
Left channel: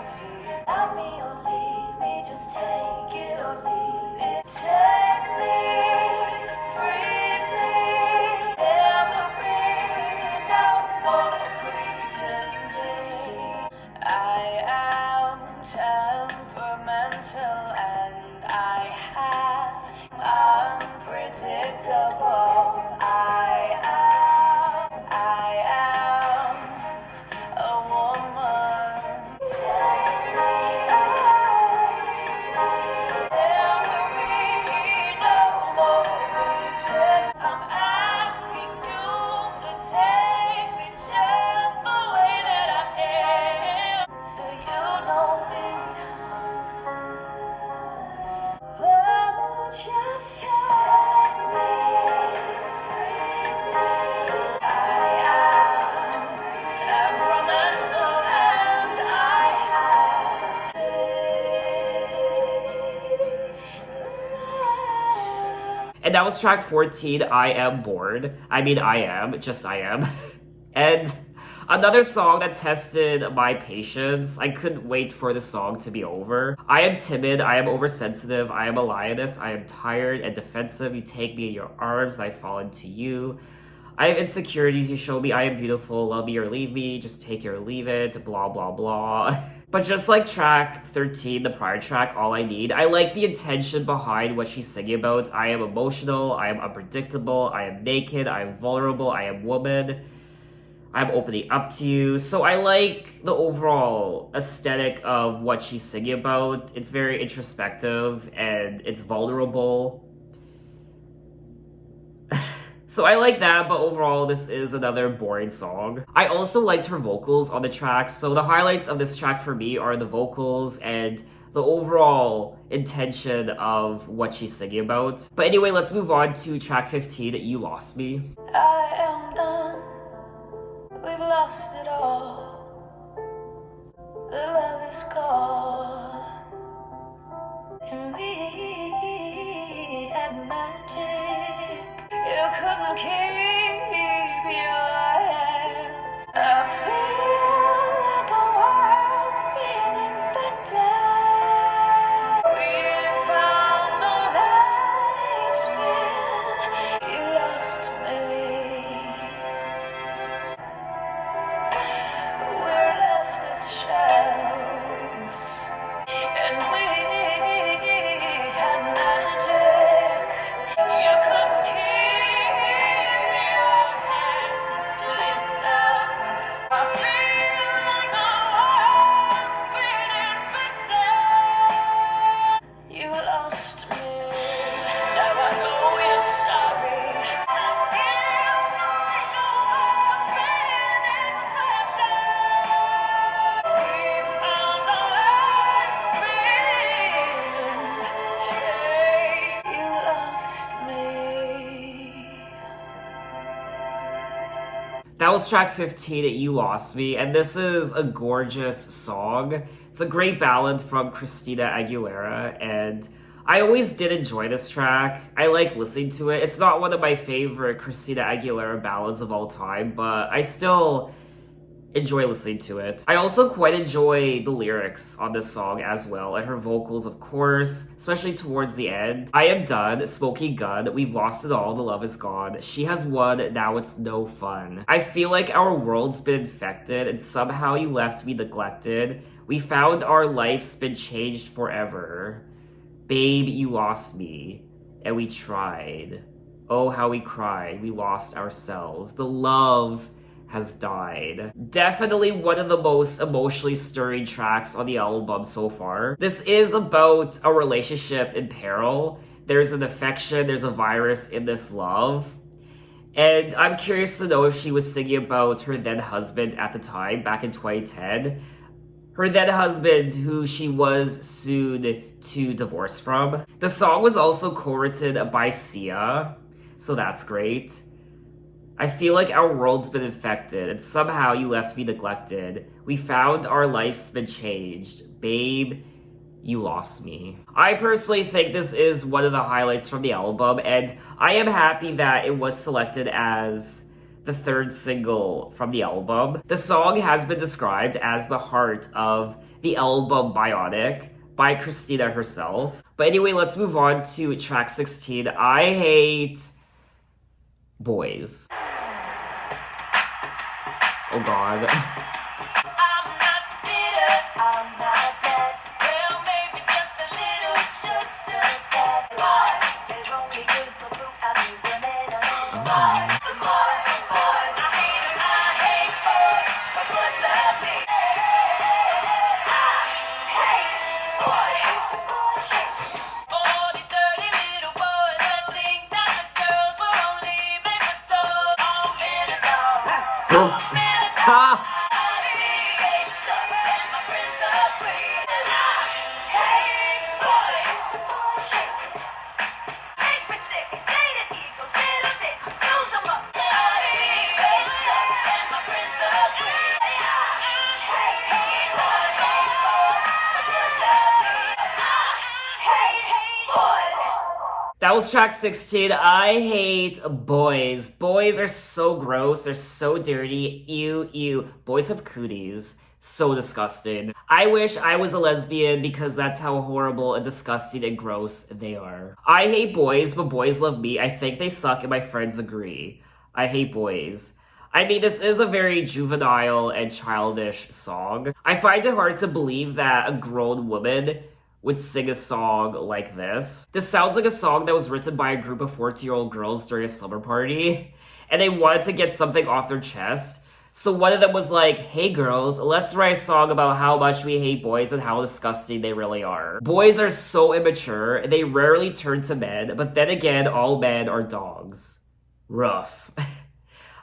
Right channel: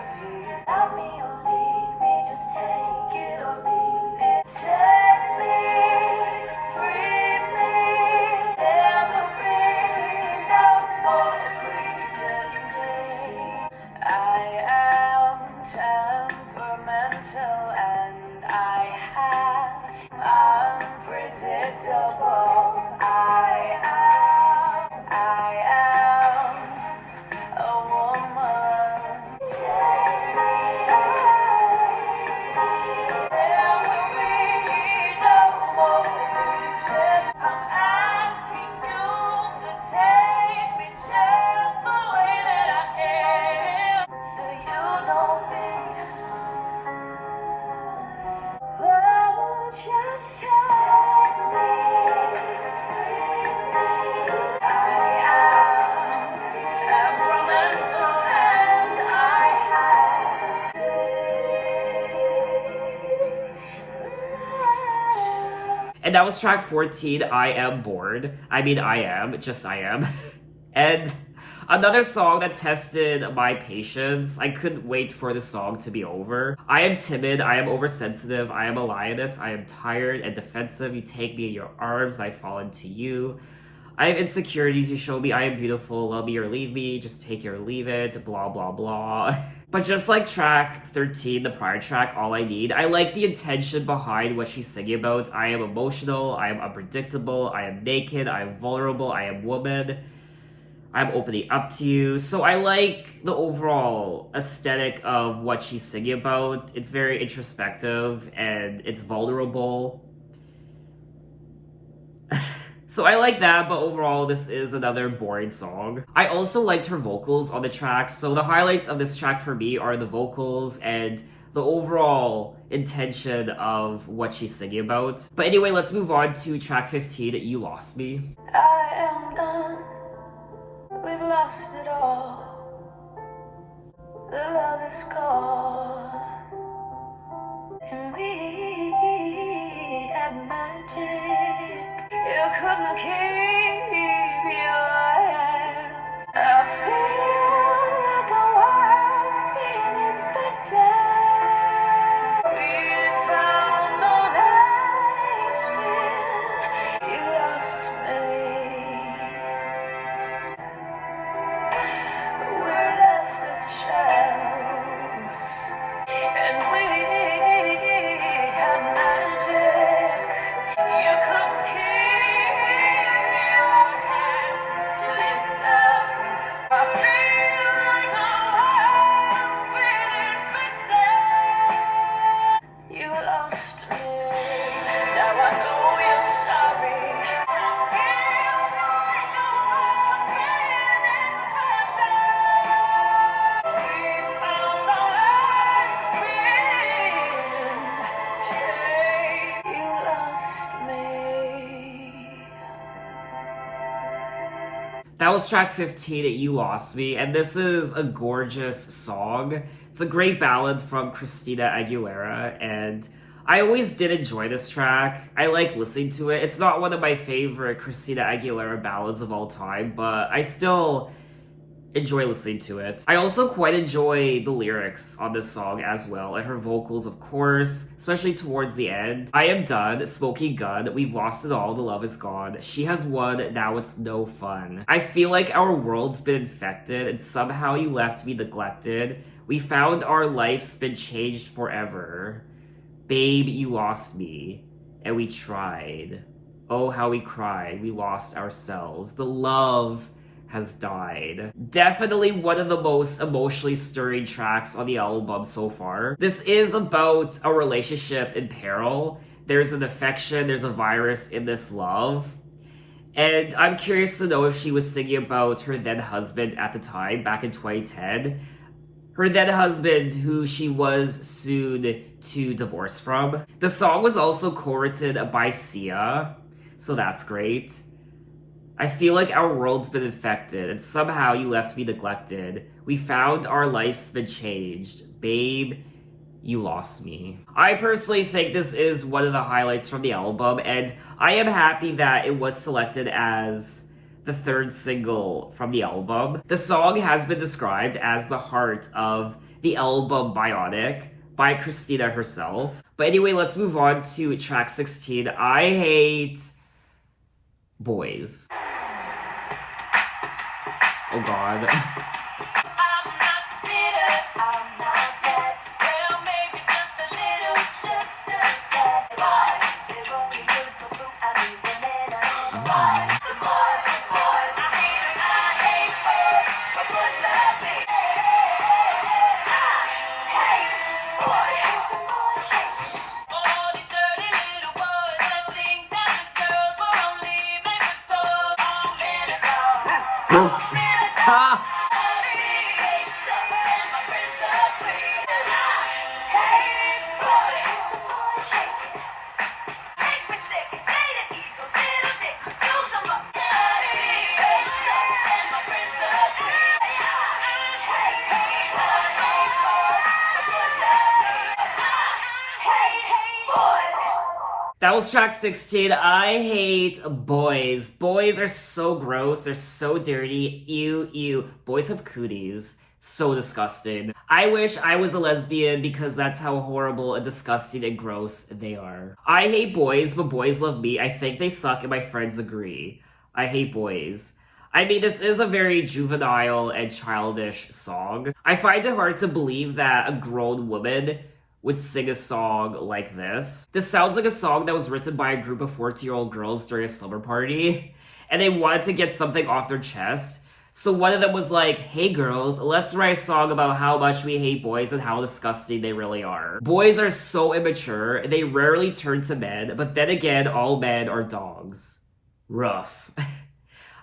security. Love me or leave me, just take it or leave it. Take me, free me. There will be no more pretending. I am temperamental and I have unpredictable. I am a woman. And that was track 14, I Am Bored. I mean, I am, just I am. And another song that tested my patience. I couldn't wait for the song to be over. I am timid, I am oversensitive, I am a lioness, I am tired and defensive. You take me in your arms, I fall into you. I have insecurities, you show me I am beautiful, love me or leave me, just take it or leave it, blah blah blah. But just like track 13, the prior track, All I Need, I like the intention behind what she's singing about. I am emotional, I am unpredictable, I am naked, I am vulnerable, I am woman. I'm opening up to you. So I like the overall aesthetic of what she's singing about. It's very introspective and it's vulnerable. So I like that, but overall, this is another boring song. I also liked her vocals on the track. So the highlights of this track for me are the vocals and the overall intention of what she's singing about. But anyway, let's move on to track 15, You Lost Me. I am done. We've lost it all. The love is gone. And we had magic. You couldn't keep your hands. I feel like a wild being infected. We found no life spin. You lost me. We're left as shells, and we had magic. You couldn't keep your hands to yourself. I feel like a life's been infected. You lost me. Now I know you're sorry. That was track 15, You Lost Me, and this is a gorgeous song. It's a great ballad from Christina Aguilera, and I always did enjoy this track. I like listening to it. It's not one of my favorite Christina Aguilera ballads of all time, but I still enjoy listening to it. I also quite enjoy the lyrics on this song as well, and her vocals, of course, especially towards the end. I am done, smoking gun, we've lost it all, the love is gone. She has won, now it's no fun. I feel like our world's been infected, and somehow you left me neglected. We found our life's been changed forever. Babe, you lost me, and we tried. Oh, how we cried, we lost ourselves. The love has died. Definitely one of the most emotionally stirring tracks on the album so far. This is about a relationship in peril. There's an affection, there's a virus in this love. And I'm curious to know if she was singing about her then husband at the time, back in 2010. Her then husband, who she was soon to divorce from. The song was also co-written by Sia, so that's great. I feel like our world's been infected, and somehow you left me neglected. We found our life's been changed. Babe, you lost me. I personally think this is one of the highlights from the album, and I am happy that it was selected as the third single from the album. The song has been described as the heart of the album Bionic by Christina herself. But anyway, let's move on to track 16, I Hate Boys. Oh god. I'm not bitter, I'm not bad. Well, maybe just a little, just a tad. Boys, they're only good for fruit. I mean, women are boys. The boys, I hate boys. My boys love me. I hate boys. All these dirty little boys that think that the girls were only meant for dogs. All men are dogs. All men Ha! That was track 16. I hate boys. Boys are so gross. They're so dirty. Ew, ew. Boys have cooties. So disgusting. I wish I was a lesbian because that's how horrible and disgusting and gross they are. I hate boys, but boys love me. I think they suck and my friends agree. I hate boys. I mean, this is a very juvenile and childish song. I find it hard to believe that a grown woman would sing a song like this. This sounds like a song that was written by a group of 14-year-old girls during a slumber party, and they wanted to get something off their chest. So one of them was like, hey girls, let's write a song about how much we hate boys and how disgusting they really are. Boys are so immature, they rarely turn to men, but then again, all men are dogs. Rough.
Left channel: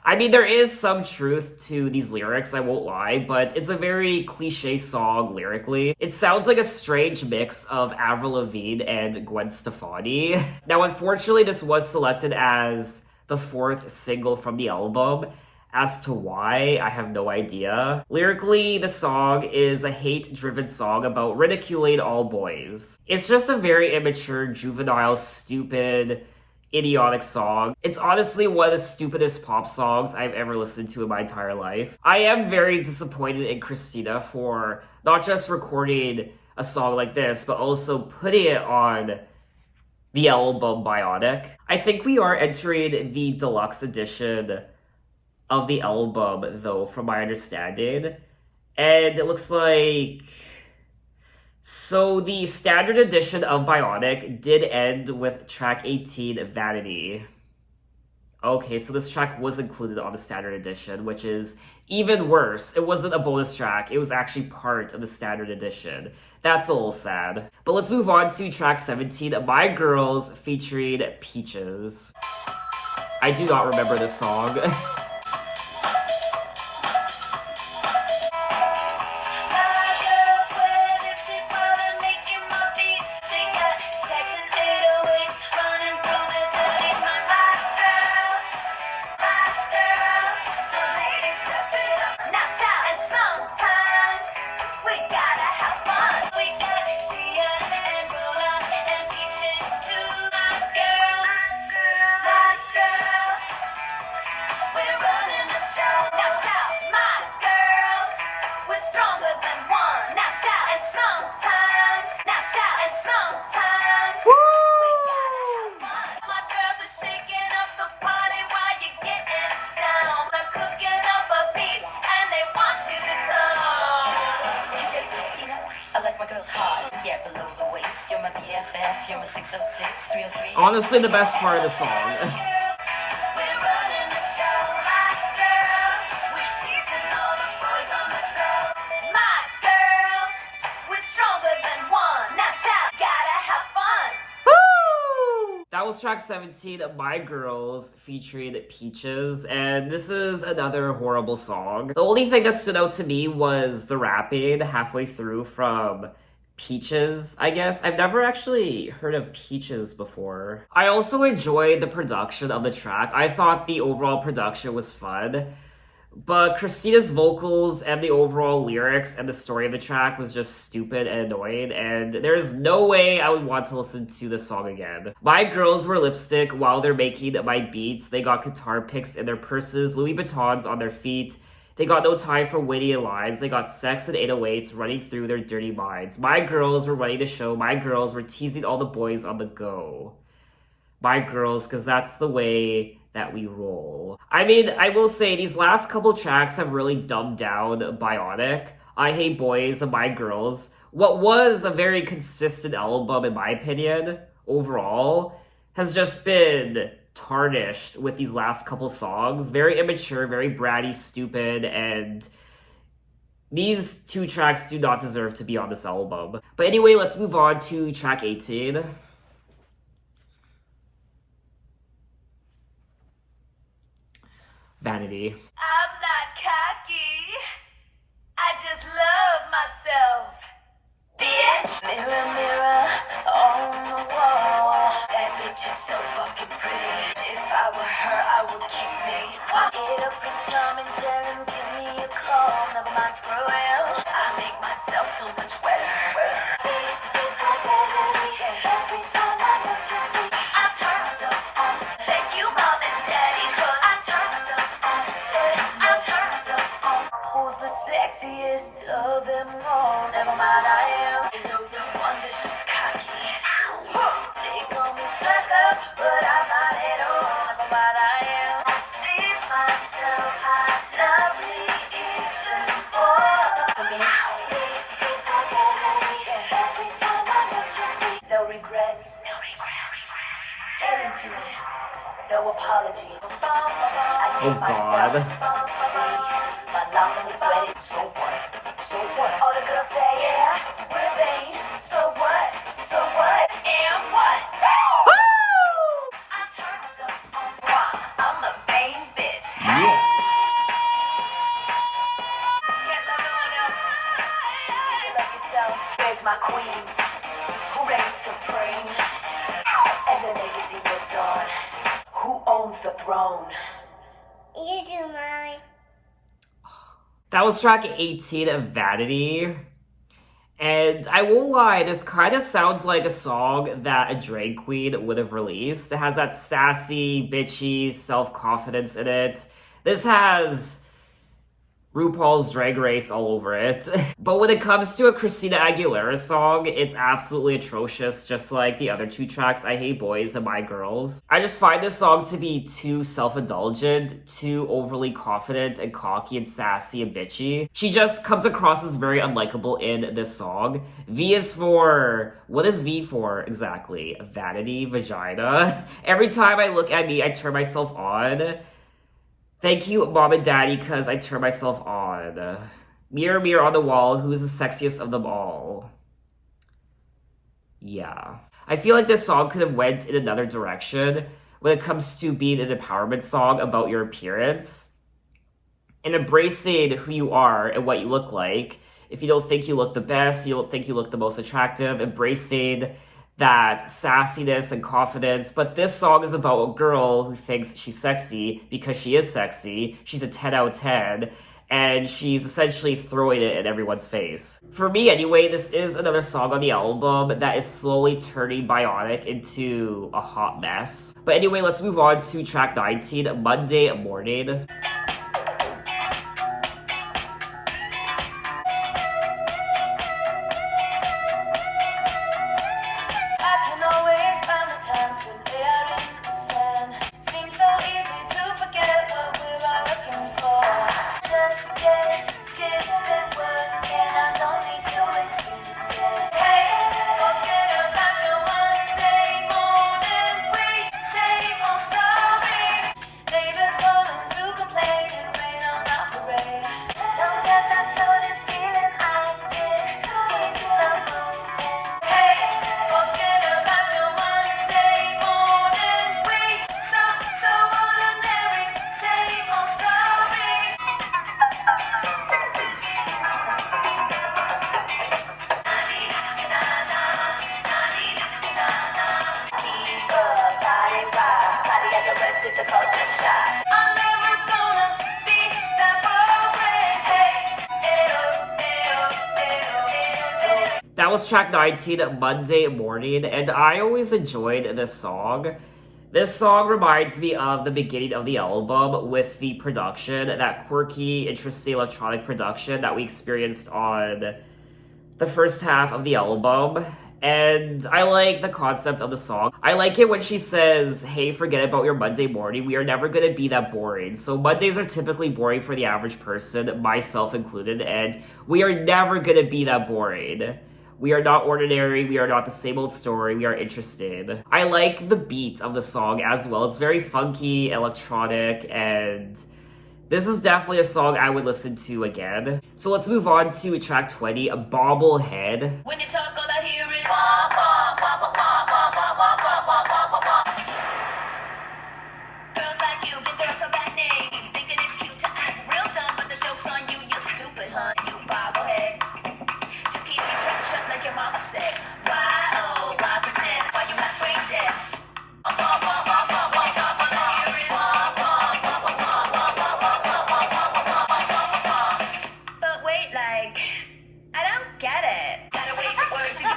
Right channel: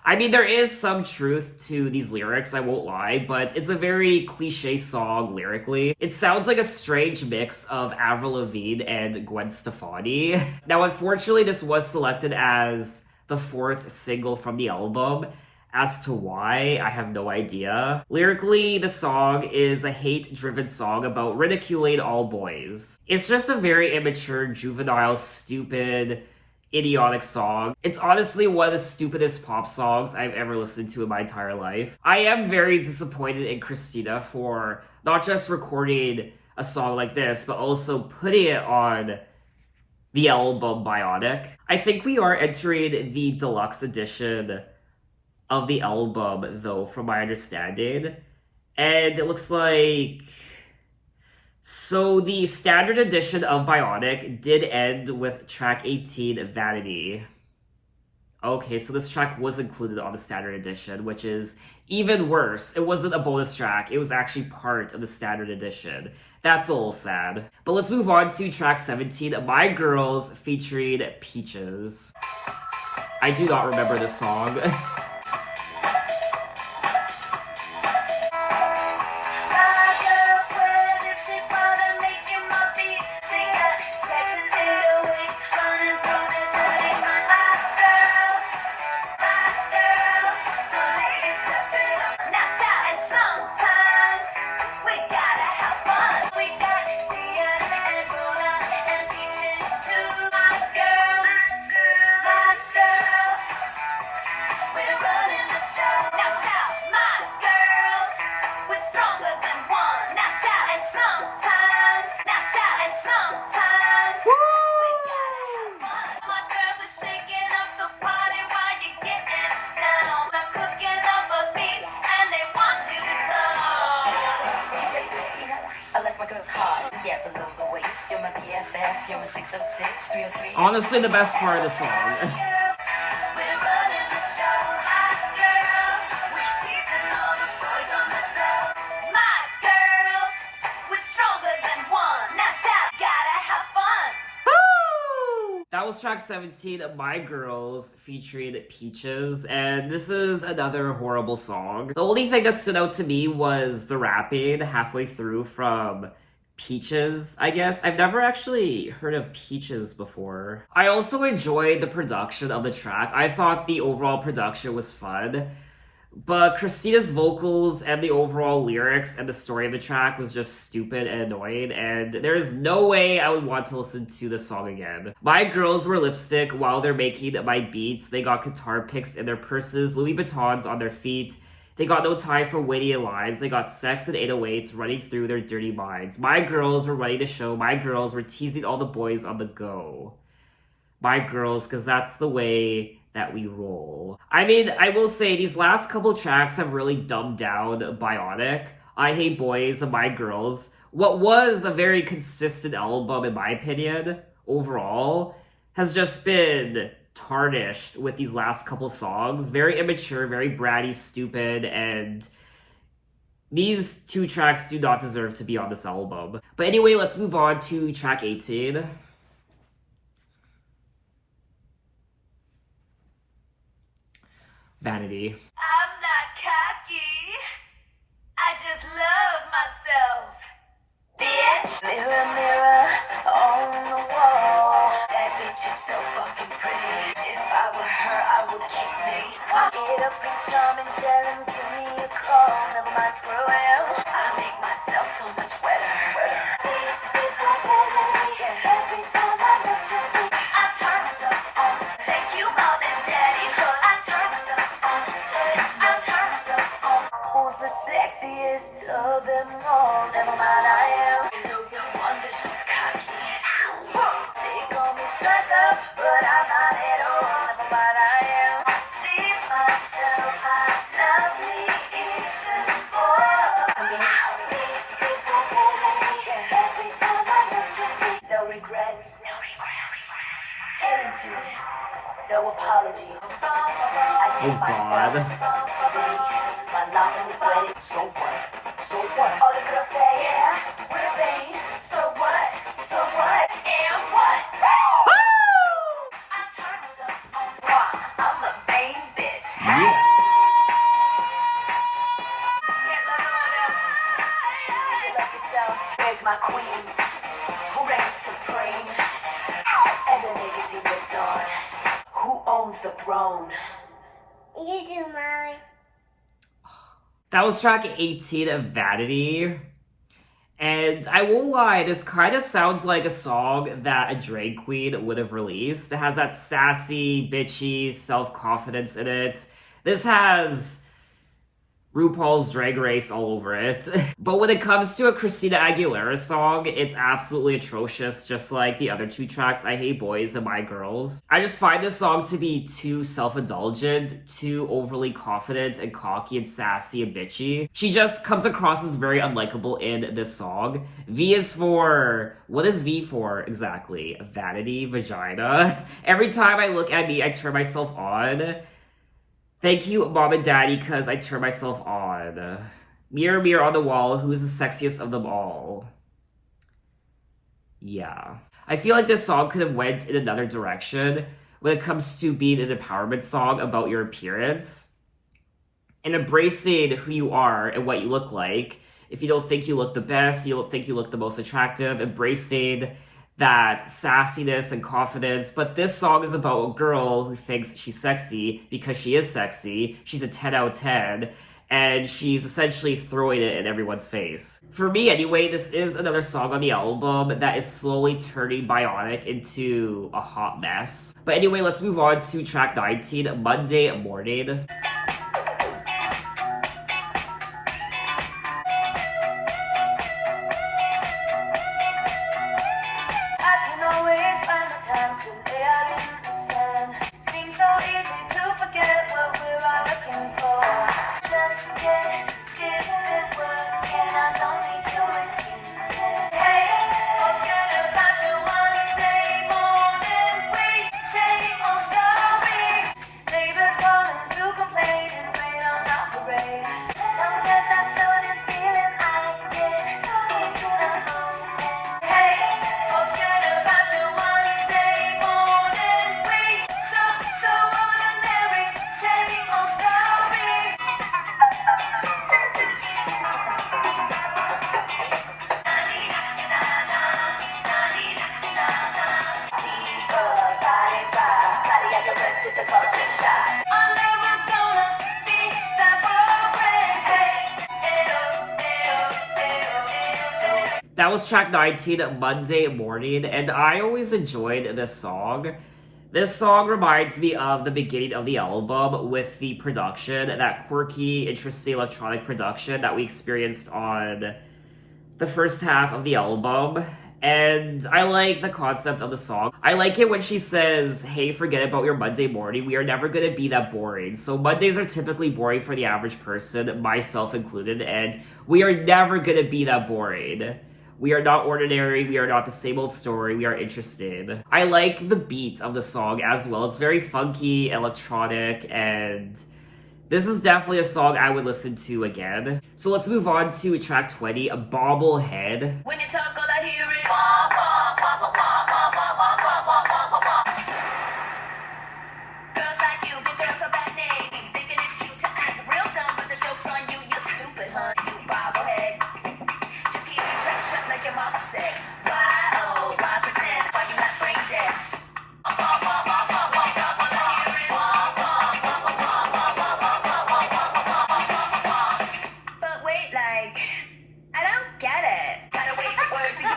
I mean, there is some truth to these lyrics, I won't lie, but it's a very cliche song lyrically. It sounds like a strange mix of Avril Lavigne and Gwen Stefani. Now, unfortunately, this was selected as the 4th single from the album. As to why, I have no idea. Lyrically, the song is a hate-driven song about ridiculing all boys. It's just a very immature, juvenile, stupid, idiotic song. It's honestly one of the stupidest pop songs I've ever listened to in my entire life. I am very disappointed in Christina for not just recording a song like this, but also putting it on the album Bionic. I think we are entering the deluxe edition of the album, though, from my understanding. And it looks like... So the standard edition of Bionic did end with track 18, Vanity. Okay, so this track was included on the standard edition, which is even worse. It wasn't a bonus track, it was actually part of the standard edition. That's a little sad. But let's move on to track 17, My Girls featuring Peaches. I do not remember this song. Honestly, the best part of the song. That was track 17, My Girls, featuring Peaches, and this is another horrible song. The only thing that stood out to me was the rapping halfway through from Peaches, I guess. I've never actually heard of Peaches before. I also enjoyed the production of the track. I thought the overall production was fun. But Christina's vocals and the overall lyrics and the story of the track was just stupid and annoying, and there's no way I would want to listen to this song again. My girls wear lipstick while they're making my beats. They got guitar picks in their purses, Louis Vuittons on their feet. They got no time for witty lines. They got sex and 808s running through their dirty minds. My girls were running the show. My girls were teasing all the boys on the go. My girls, because that's the way that we roll. I mean, I will say these last couple tracks have really dumbed down Bionic. I Hate Boys and My Girls. What was a very consistent album, in my opinion, overall, has just been tarnished with these last couple songs. Very immature, very bratty, stupid, and these two tracks do not deserve to be on this album. But anyway, let's move on to track 18. Vanity. I'm not cocky. I just love myself. Bitch. Mirror, mirror on the wall. That bitch is so fucking pretty. If I were her, I would kiss me. Get up and charm and tell him, give me a call. Never mind, screw him. I make myself so much wetter. It's my baby. Every time I look at me, I'll Vanity, no apology. I take myself to be my love and regret it. So what? So what? All the girls say, yeah, we're a thing. So what? So what? And what? I turn myself on. I'm a vain bitch. Yeah. Can't love no one else. You love yourself. There's my queens, who reigns supreme, and their legacy lives on. Who owns the throne? You do, Mommy. That was track 18 of Vanity. And I won't lie, this kind of sounds like a song that a drag queen would have released. It has that sassy, bitchy self-confidence in it. This has RuPaul's Drag Race all over it. But when it comes to a Christina Aguilera song, it's absolutely atrocious, just like the other two tracks, I Hate Boys and My Girls. I just find this song to be too self-indulgent, too overly confident and cocky and sassy and bitchy. She just comes across as very unlikable in this song. V is for... what is V for exactly? Vanity, vagina. Every time I look at me, I turn myself on. Thank you, Mom and Daddy, because I turn myself on. Mirror, mirror on the wall, who's the sexiest of them all? Yeah. I feel like this song could have went in another direction when it comes to being an empowerment song about your appearance and embracing who you are and what you look like. If you don't think you look the best, you don't think you look the most attractive, embracing that sassiness and confidence. But this song is about a girl who thinks she's sexy because she is sexy. She's a 10 out of 10, and she's essentially throwing it in everyone's face. For me anyway, this is another song on the album that is slowly turning Bionic into a hot mess. But anyway, let's move on to track 19, Monday Morning. That was track 19, Monday Morning, and I always enjoyed this song. This song reminds me of the beginning of the album with the production, that quirky, interesting electronic production that we experienced on the first half of the album. And I like the concept of the song. I like it when she says, hey, forget about your Monday morning. We are never going to be that boring. So Mondays are typically boring for the average person, myself included, and we are never going to be that boring. We are not ordinary, we are not the same old story, we are interested. I like the beat of the song as well. It's very funky, electronic, and this is definitely a song I would listen to again. So let's move on to track 20, a Bobblehead. When you talk, all I hear is wah, wah, wah, wah, wah, wah, wah, wah, wah, wah, wah, wah. Girls like you, good girls of that name, thinking it's cute to act real dumb, but the joke's on you, you're stupid, huh? You bobblehead. Just keep me fresh up like your mama said. Why, oh, why pretend? Why you not brain dead? Wah, wah, wah, wah, wah, when you talk, all I hear is wah, wah, wah, wah, wah, wah, wah, wah, wah, wah, wah, wah, wah, wah, wah. But wait, like, I don't get it. Gotta wait for words to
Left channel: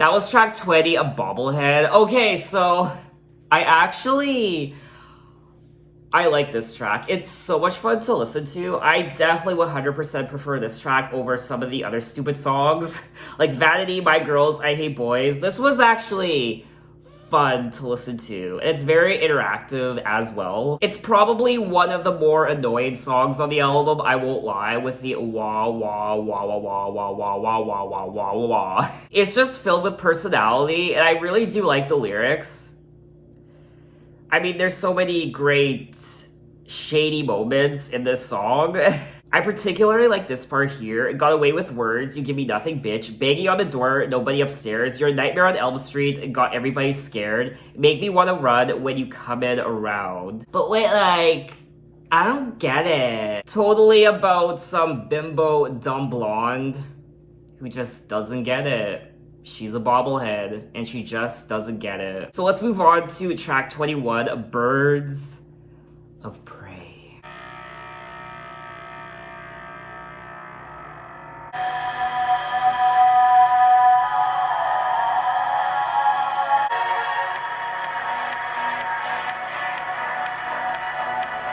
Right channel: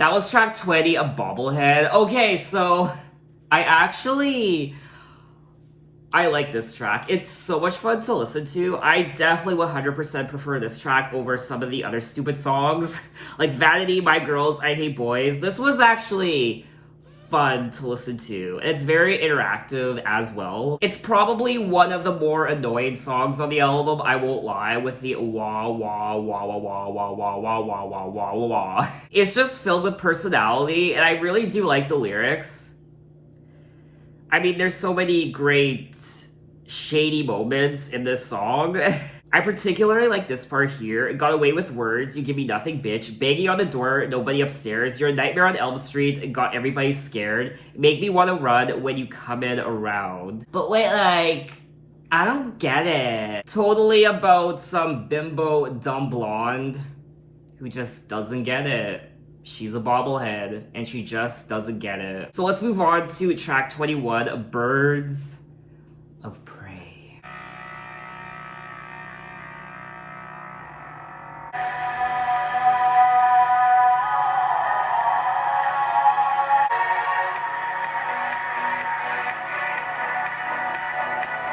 That was track 20, A Bobblehead. Okay, so I like this track. It's so much fun to listen to. I definitely 100% prefer this track over some of the other stupid songs. Like Vanity, My Girls, I Hate Boys. This was actually fun to listen to. And it's very interactive as well. It's probably one of the more annoying songs on the album, I won't lie, with the wah wah wah wah wah wah wah wah wah wah wah wah wah. It's just filled with personality, and I really do like the lyrics. I mean, there's so many great shady moments in this song. I particularly like this part here. Got away with words, you give me nothing, bitch. Banging on the door, nobody upstairs. You're a nightmare on Elm Street and got everybody scared. Make me want to run when you come in around. But wait, like, I don't get it. Totally about some bimbo dumb blonde who just doesn't get it. She's a bobblehead, and she just doesn't get it. So let's move on to track 21, Birds of Prey.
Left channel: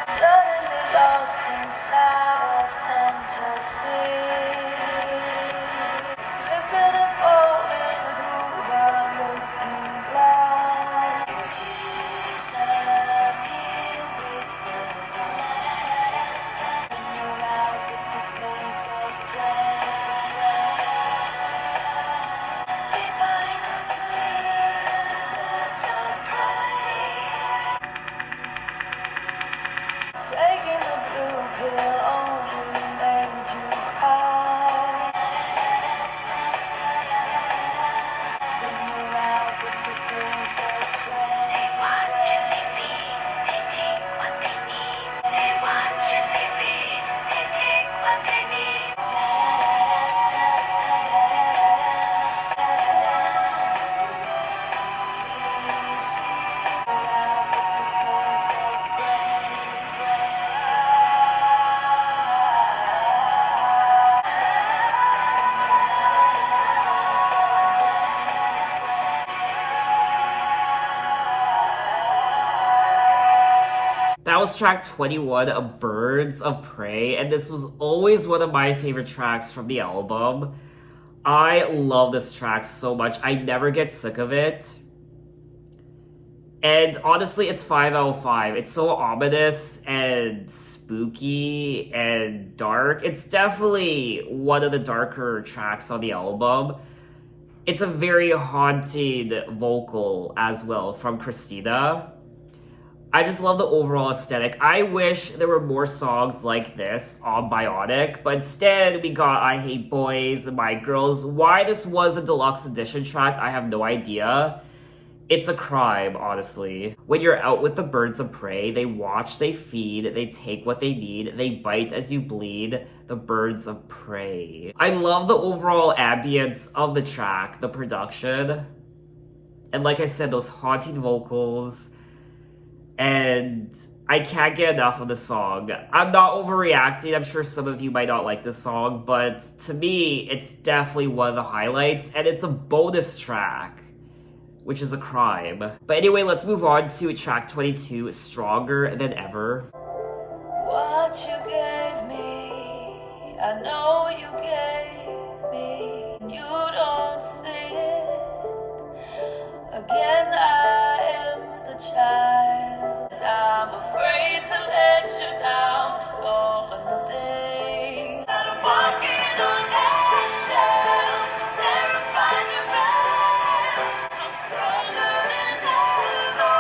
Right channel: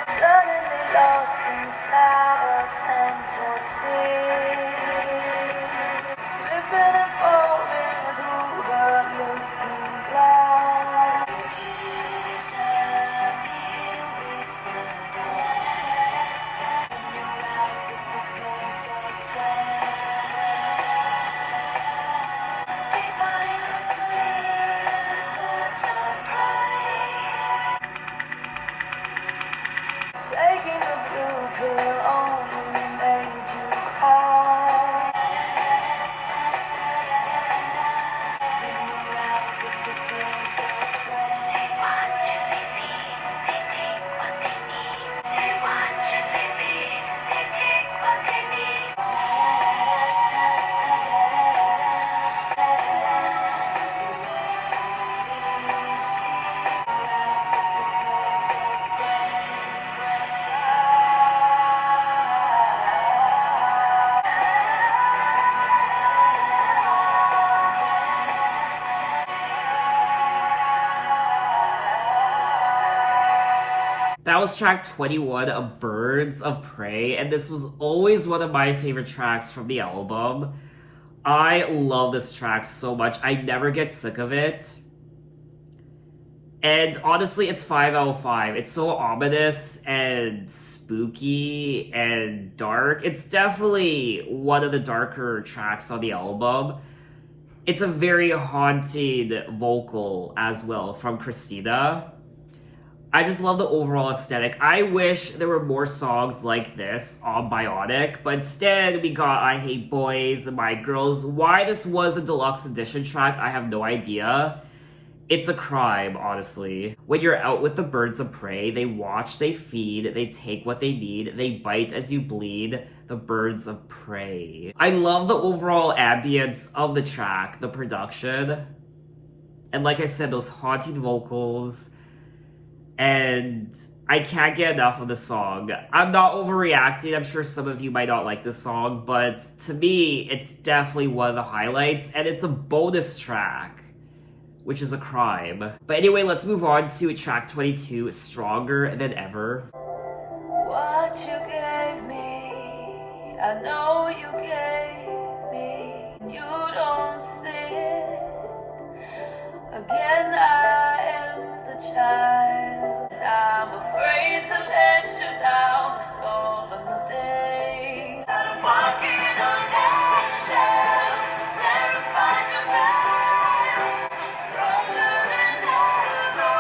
Suddenly lost inside a fantasy, slipping and falling through the looking glass. Disappear with the dark, and you're out with the birds of prey. Behind the screen, birds of prey. Taking the blue pill only made you cry. When you're out with the birds of prey, they watch and they feed, they take what they need. They watch and they feed, they take what they need. That was track 21, of Birds of Prey, and this was always one of my favorite tracks from the album. I love this track so much. I never get sick of it. And honestly, it's 5 out of 5. It's so ominous and spooky and dark. It's definitely one of the darker tracks on the album. It's a very haunted vocal as well from Christina. I just love the overall aesthetic. I wish there were more songs like this on Bionic, but instead we got I Hate Boys and My Girls. Why this was a deluxe edition track, I have no idea. It's a crime, honestly. When you're out with the birds of prey, they watch, they feed, they take what they need, they bite as you bleed, the birds of prey. I love the overall ambience of the track, the production, and like I said, those haunting vocals. And I can't get enough of the song. I'm not overreacting. I'm sure some of you might not like this song, but to me, it's definitely one of the highlights, and it's a bonus track, which is a crime. But anyway, let's move on to track 22, Stronger Than Ever. What you gave me, I know you gave me. You don't see it. Again, I am the child. I'm afraid to let you down. It's all or nothing. I'm walking on eggshells, terrified to run. I'm stronger than ever.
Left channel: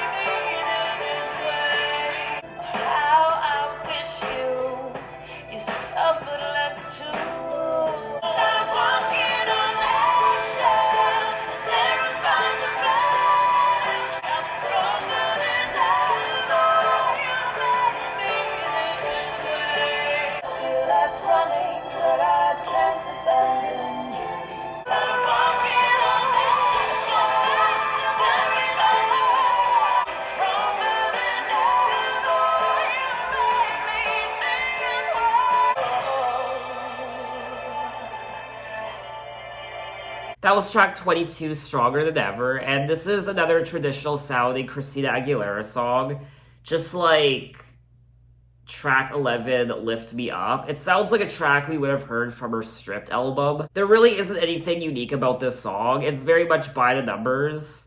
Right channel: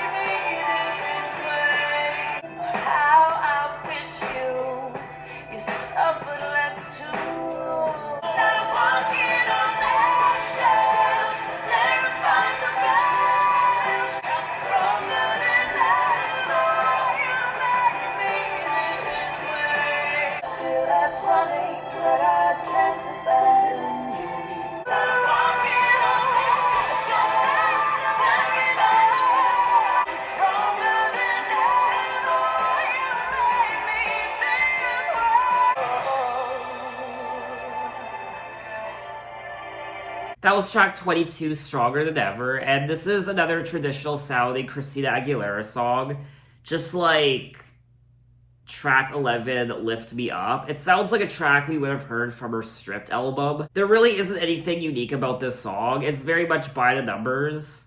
You made me this way. How I wish you suffered less too. I'm walking on eggshells, terrified to run. I'm stronger than ever. You made me this way. I feel like running, but I can't abandon you. I'm walking on eggshells, terrified to run. I'm stronger than ever. You made me think this way. That was track 22, Stronger Than Ever, and this is another traditional sounding Christina Aguilera song, just like track 11, Lift Me Up. It sounds like a track we would have heard from her Stripped album. There really isn't anything unique about this song. It's very much by the numbers,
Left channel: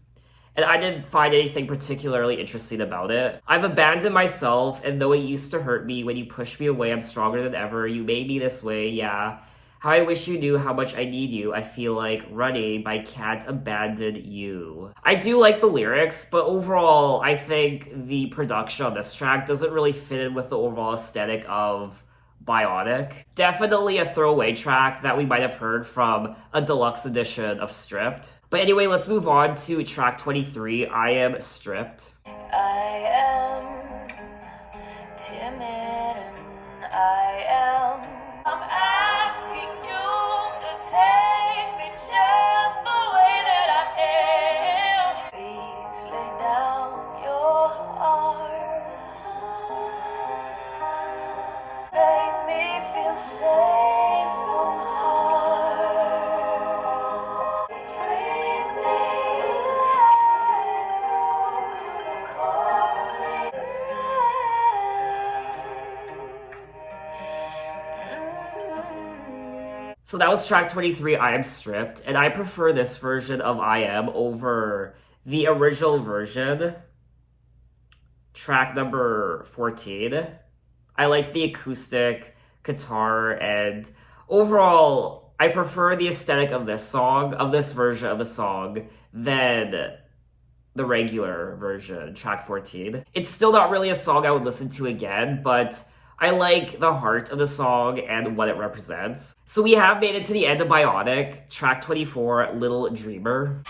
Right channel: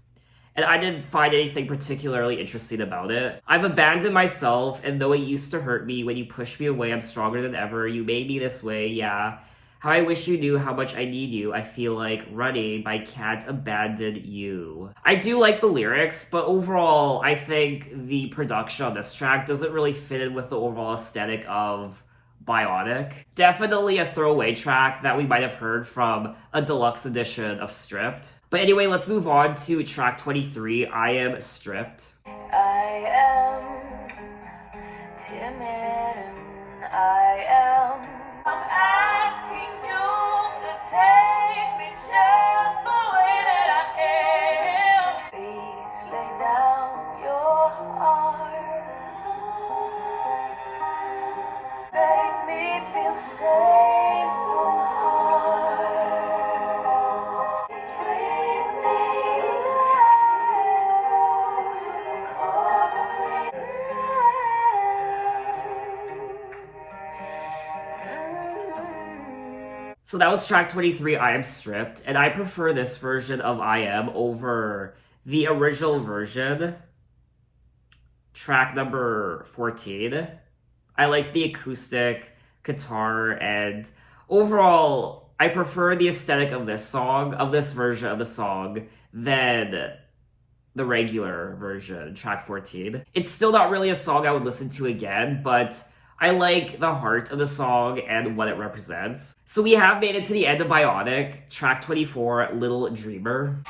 and I didn't find anything particularly interesting about it. I've abandoned myself, and though it used to hurt me when you pushed me away, I'm stronger than ever. You made me this way, yeah. How I wish you knew how much I need you. I feel like running, but I can't abandon you. I do like the lyrics, but overall, I think the production on this track doesn't really fit in with the overall aesthetic of Bionic. Definitely a throwaway track that we might have heard from a deluxe edition of Stripped. But anyway, let's move on to track 23, I Am Stripped. I am timid and I'm asking you to take me just the way that I am. Please lay down your arms. Make me feel safe from harm. Free me, slip to the core of me. So that was track 23, I Am Stripped, and I prefer this version of I Am over the original version, track number 14. I like the acoustic guitar, and overall, I prefer the aesthetic of this song, of this version of the song, than the regular version, track 14. It's still not really a song I would listen to again, but I like the heart of the song and what it represents. So we have made it to the end of Bionic, track 24, Little Dreamer.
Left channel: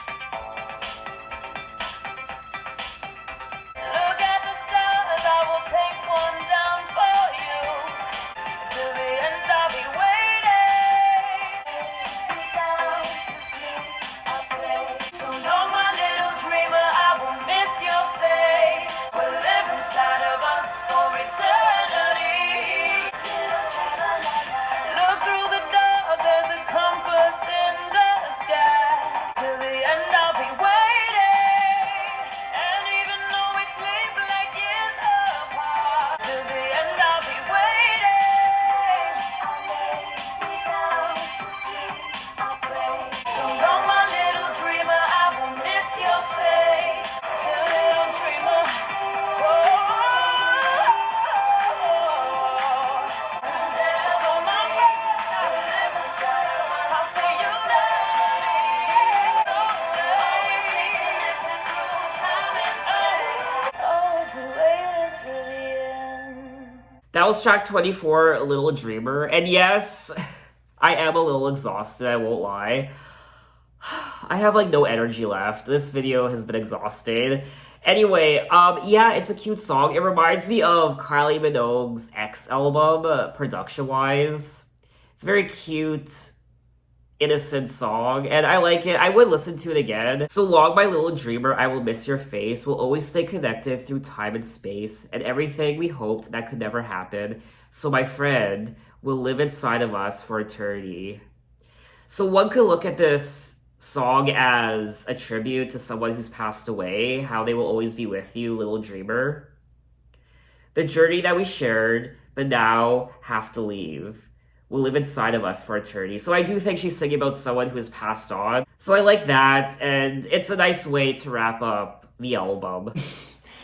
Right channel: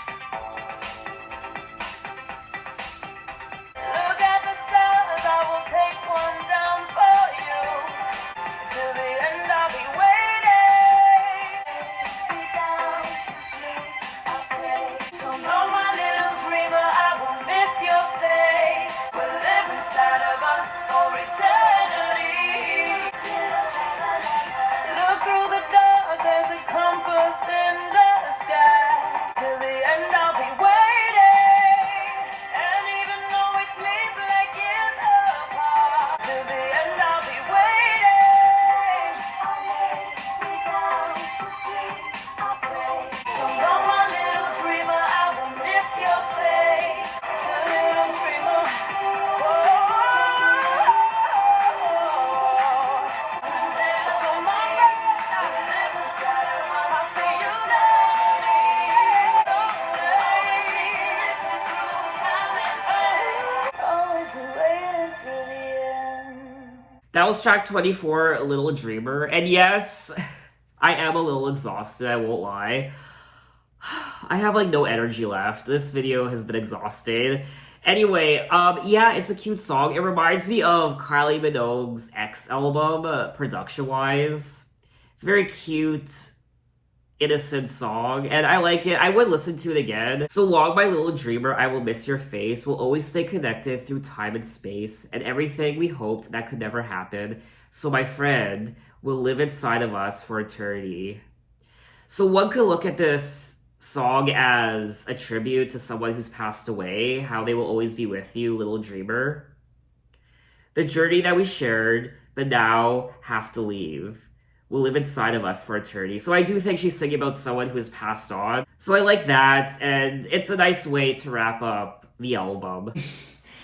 Look at the stars, I will take one down for you. Till the end I'll be waiting. Be down to sleep, I pray. So know my little dreamer, I will miss your face. We'll live inside of us for eternity. Look through the door, there's a compass in the sky. Till the end I'll be waiting. And even though we sleep like years apart, till the end I'll be waiting. I lay me down to sleep, I pray. So know my little dreamer, I will miss your face. So little dreamer, That was track 24, Little Dreamer. And yes, I am a little exhausted, I won't lie. I have like no energy left. This video has been exhausting. Anyway, yeah, it's a cute song. It reminds me of Kylie Minogue's X album, production-wise. It's a very cute, innocent song, and I like it. I would listen to it again. So long, my little dreamer, I will miss your face. We'll always stay connected through time and space, and everything we hoped that could never happen. So my friend will live inside of us for eternity. So one could look at this song as a tribute to someone who's passed away, how they will always be with you, little dreamer. The journey that we shared, but now have to leave, will live inside of us for eternity. So I do think she's singing about someone who has passed on. So I like that, and it's a nice way to wrap up the album.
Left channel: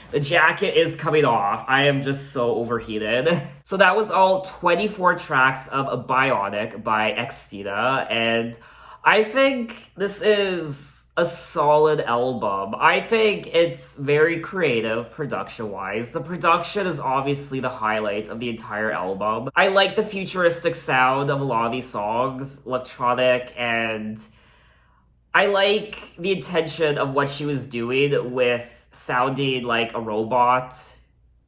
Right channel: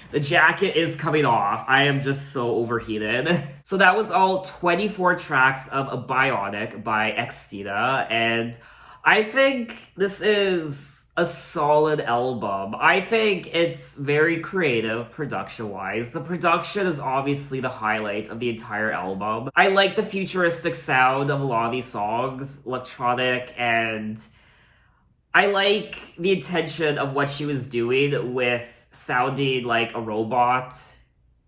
The jacket is coming off. I am just so overheated. So that was all 24 tracks of a Bionic by Xtina, and I think this is a solid album. I think it's very creative production-wise. The production is obviously the highlight of the entire album. I like the futuristic sound of a lot of these songs, electronic, and I like the intention of what she was doing with sounding like a robot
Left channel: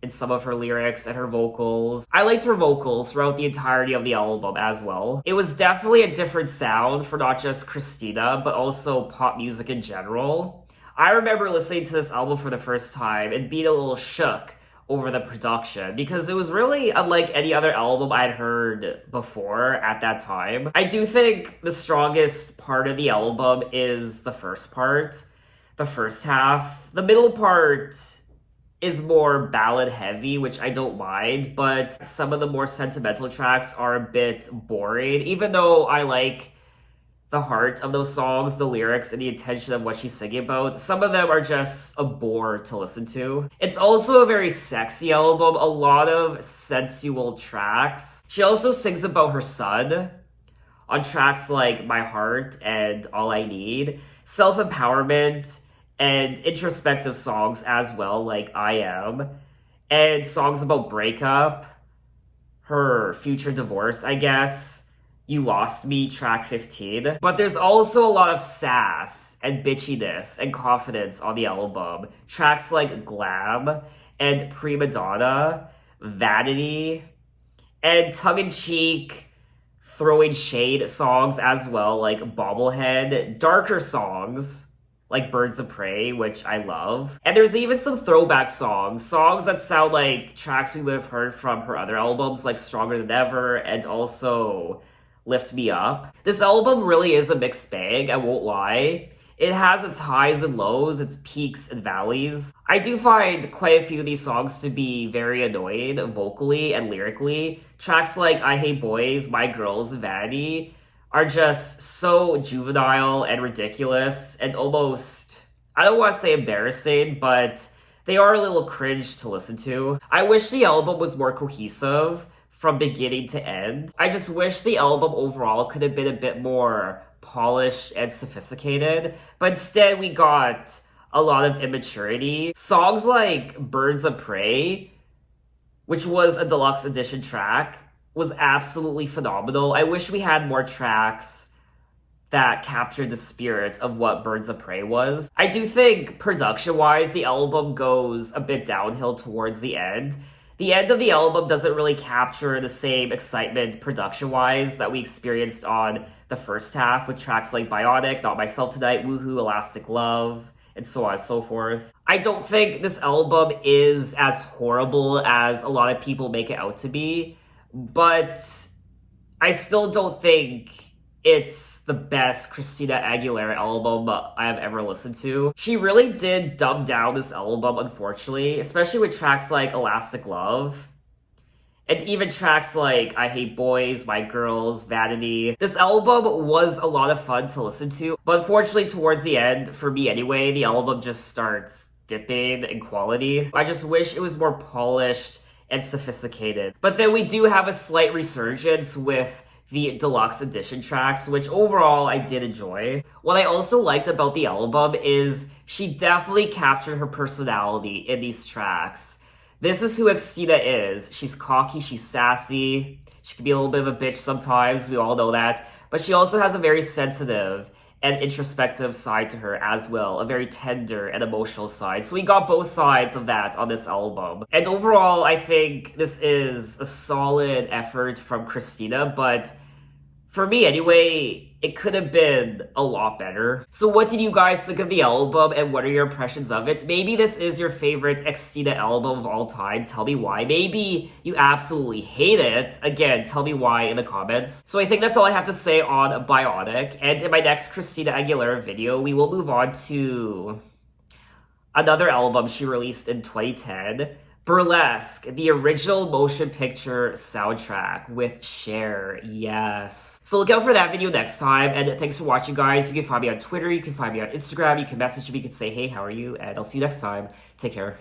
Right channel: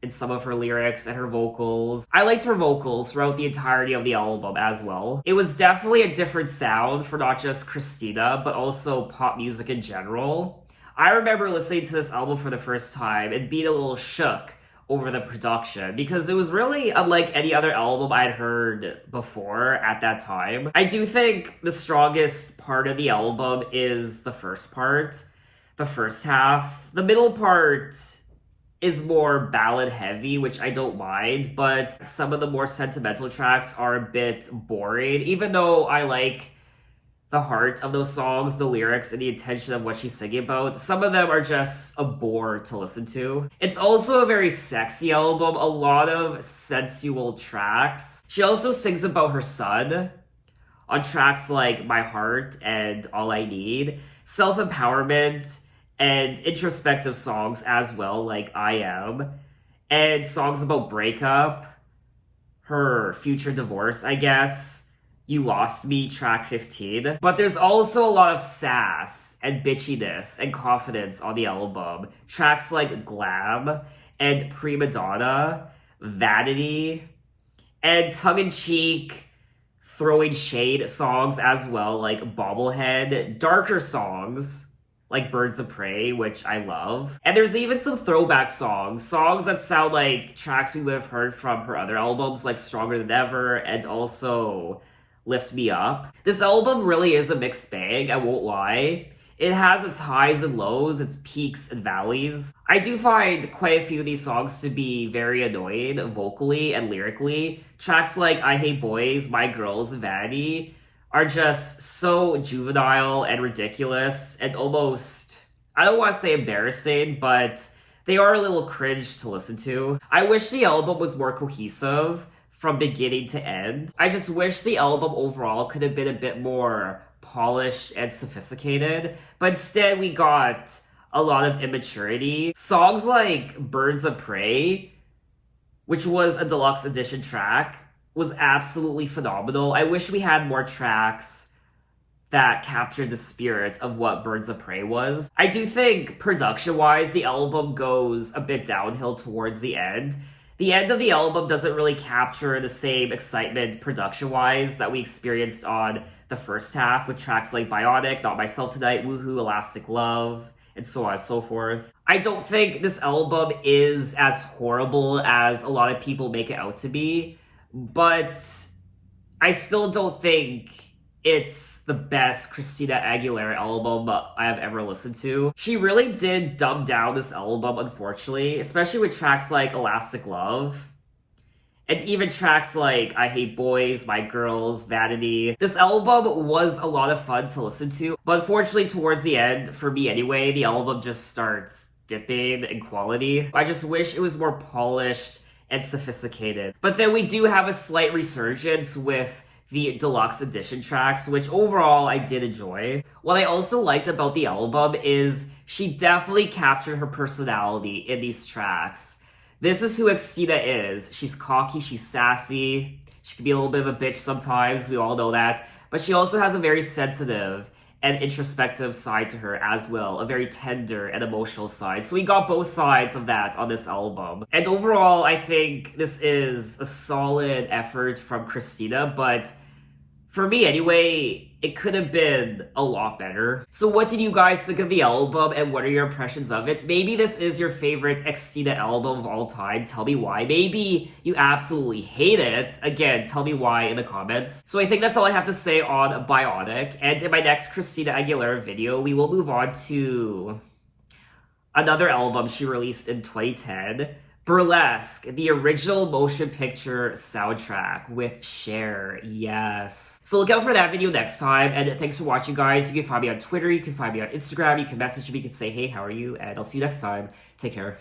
in some of her lyrics and her vocals. I liked her vocals throughout the entirety of the album as well. It was definitely a different sound for not just Christina, but also pop music in general. I remember listening to this album for the first time and being a little shook over the production because it was really unlike any other album I'd heard before at that time. I do think the strongest part of the album is the first part, the first half. The middle part is more ballad heavy, which I don't mind, but some of the more sentimental tracks are a bit boring, even though I like the heart of those songs, the lyrics, and the intention of what she's singing about. Some of them are just a bore to listen to. It's also a very sexy album, a lot of sensual tracks. She also sings about her son on tracks like My Heart and All I Need, self-empowerment, and introspective songs as well, like I Am, and songs about breakup, her future divorce, I guess, You Lost Me, track 15. But there's also a lot of sass and bitchiness and confidence on the album. Tracks like Glam and Prima Dada, Vanity, and tongue-in-cheek throwing shade songs as well, like Bobblehead, darker songs like Birds of Prey, which I love. And there's even some throwback songs that sound like tracks we would have heard from her other albums, like Stronger Than Ever and also Lift Me Up. This album really is a mixed bag, I won't lie. It has its highs and lows, its peaks and valleys. I do find quite a few of these songs to be very annoying vocally and lyrically. Tracks like I Hate Boys, My Girls, and Vanity are just so juvenile and ridiculous and almost, I don't want to say embarrassing, but they are a little cringe to listen to. I wish the album was more cohesive from beginning to end. I just wish the album overall could have been a bit more polished and sophisticated, but instead we got a lot of immaturity. Songs like Birds of Prey, which was a deluxe edition track, was absolutely phenomenal. I wish we had more tracks that captured the spirit of what Birds of Prey was. I do think production-wise, the album goes a bit downhill towards the end. The end of the album doesn't really capture the same excitement production-wise that we experienced on the first half with tracks like Bionic, Not Myself Tonight, Woohoo, Elastic Love, and so on and so forth. I don't think this album is as horrible as a lot of people make it out to be, but I still don't think it's the best Christina Aguilera album I have ever listened to. She really did dumb down this album, unfortunately, especially with tracks like Elastic Love, and even tracks like I Hate Boys, My Girls, Vanity. This album was a lot of fun to listen to, but unfortunately towards the end, for me anyway, the album just starts dipping in quality. I just wish it was more polished and sophisticated. But then we do have a slight resurgence with the deluxe edition tracks, which overall I did enjoy. What I also liked about the album is she definitely captured her personality in these tracks. This is who Xtina is. She's cocky, she's sassy, she can be a little bit of a bitch sometimes, we all know that, but she also has a very sensitive and introspective side to her as well, a very tender and emotional side. So we got both sides of that on this album. And overall, I think this is a solid effort from Christina, but for me anyway, it could have been a lot better. So what did you guys think of the album and what are your impressions of it? Maybe this is your favorite Xtina album of all time. Tell me why. Maybe you absolutely hate it. Again, tell me why in the comments. So I think that's all I have to say on Bionic. And in my next Christina Aguilera video, we will move on to another album she released in 2010. Burlesque, the original motion picture soundtrack with Cher, yes. So look out for that video next time, and thanks for watching, guys. You can find me on Twitter, you can find me on Instagram, you can message me, you can say, hey, how are you? And I'll see you next time. Take care.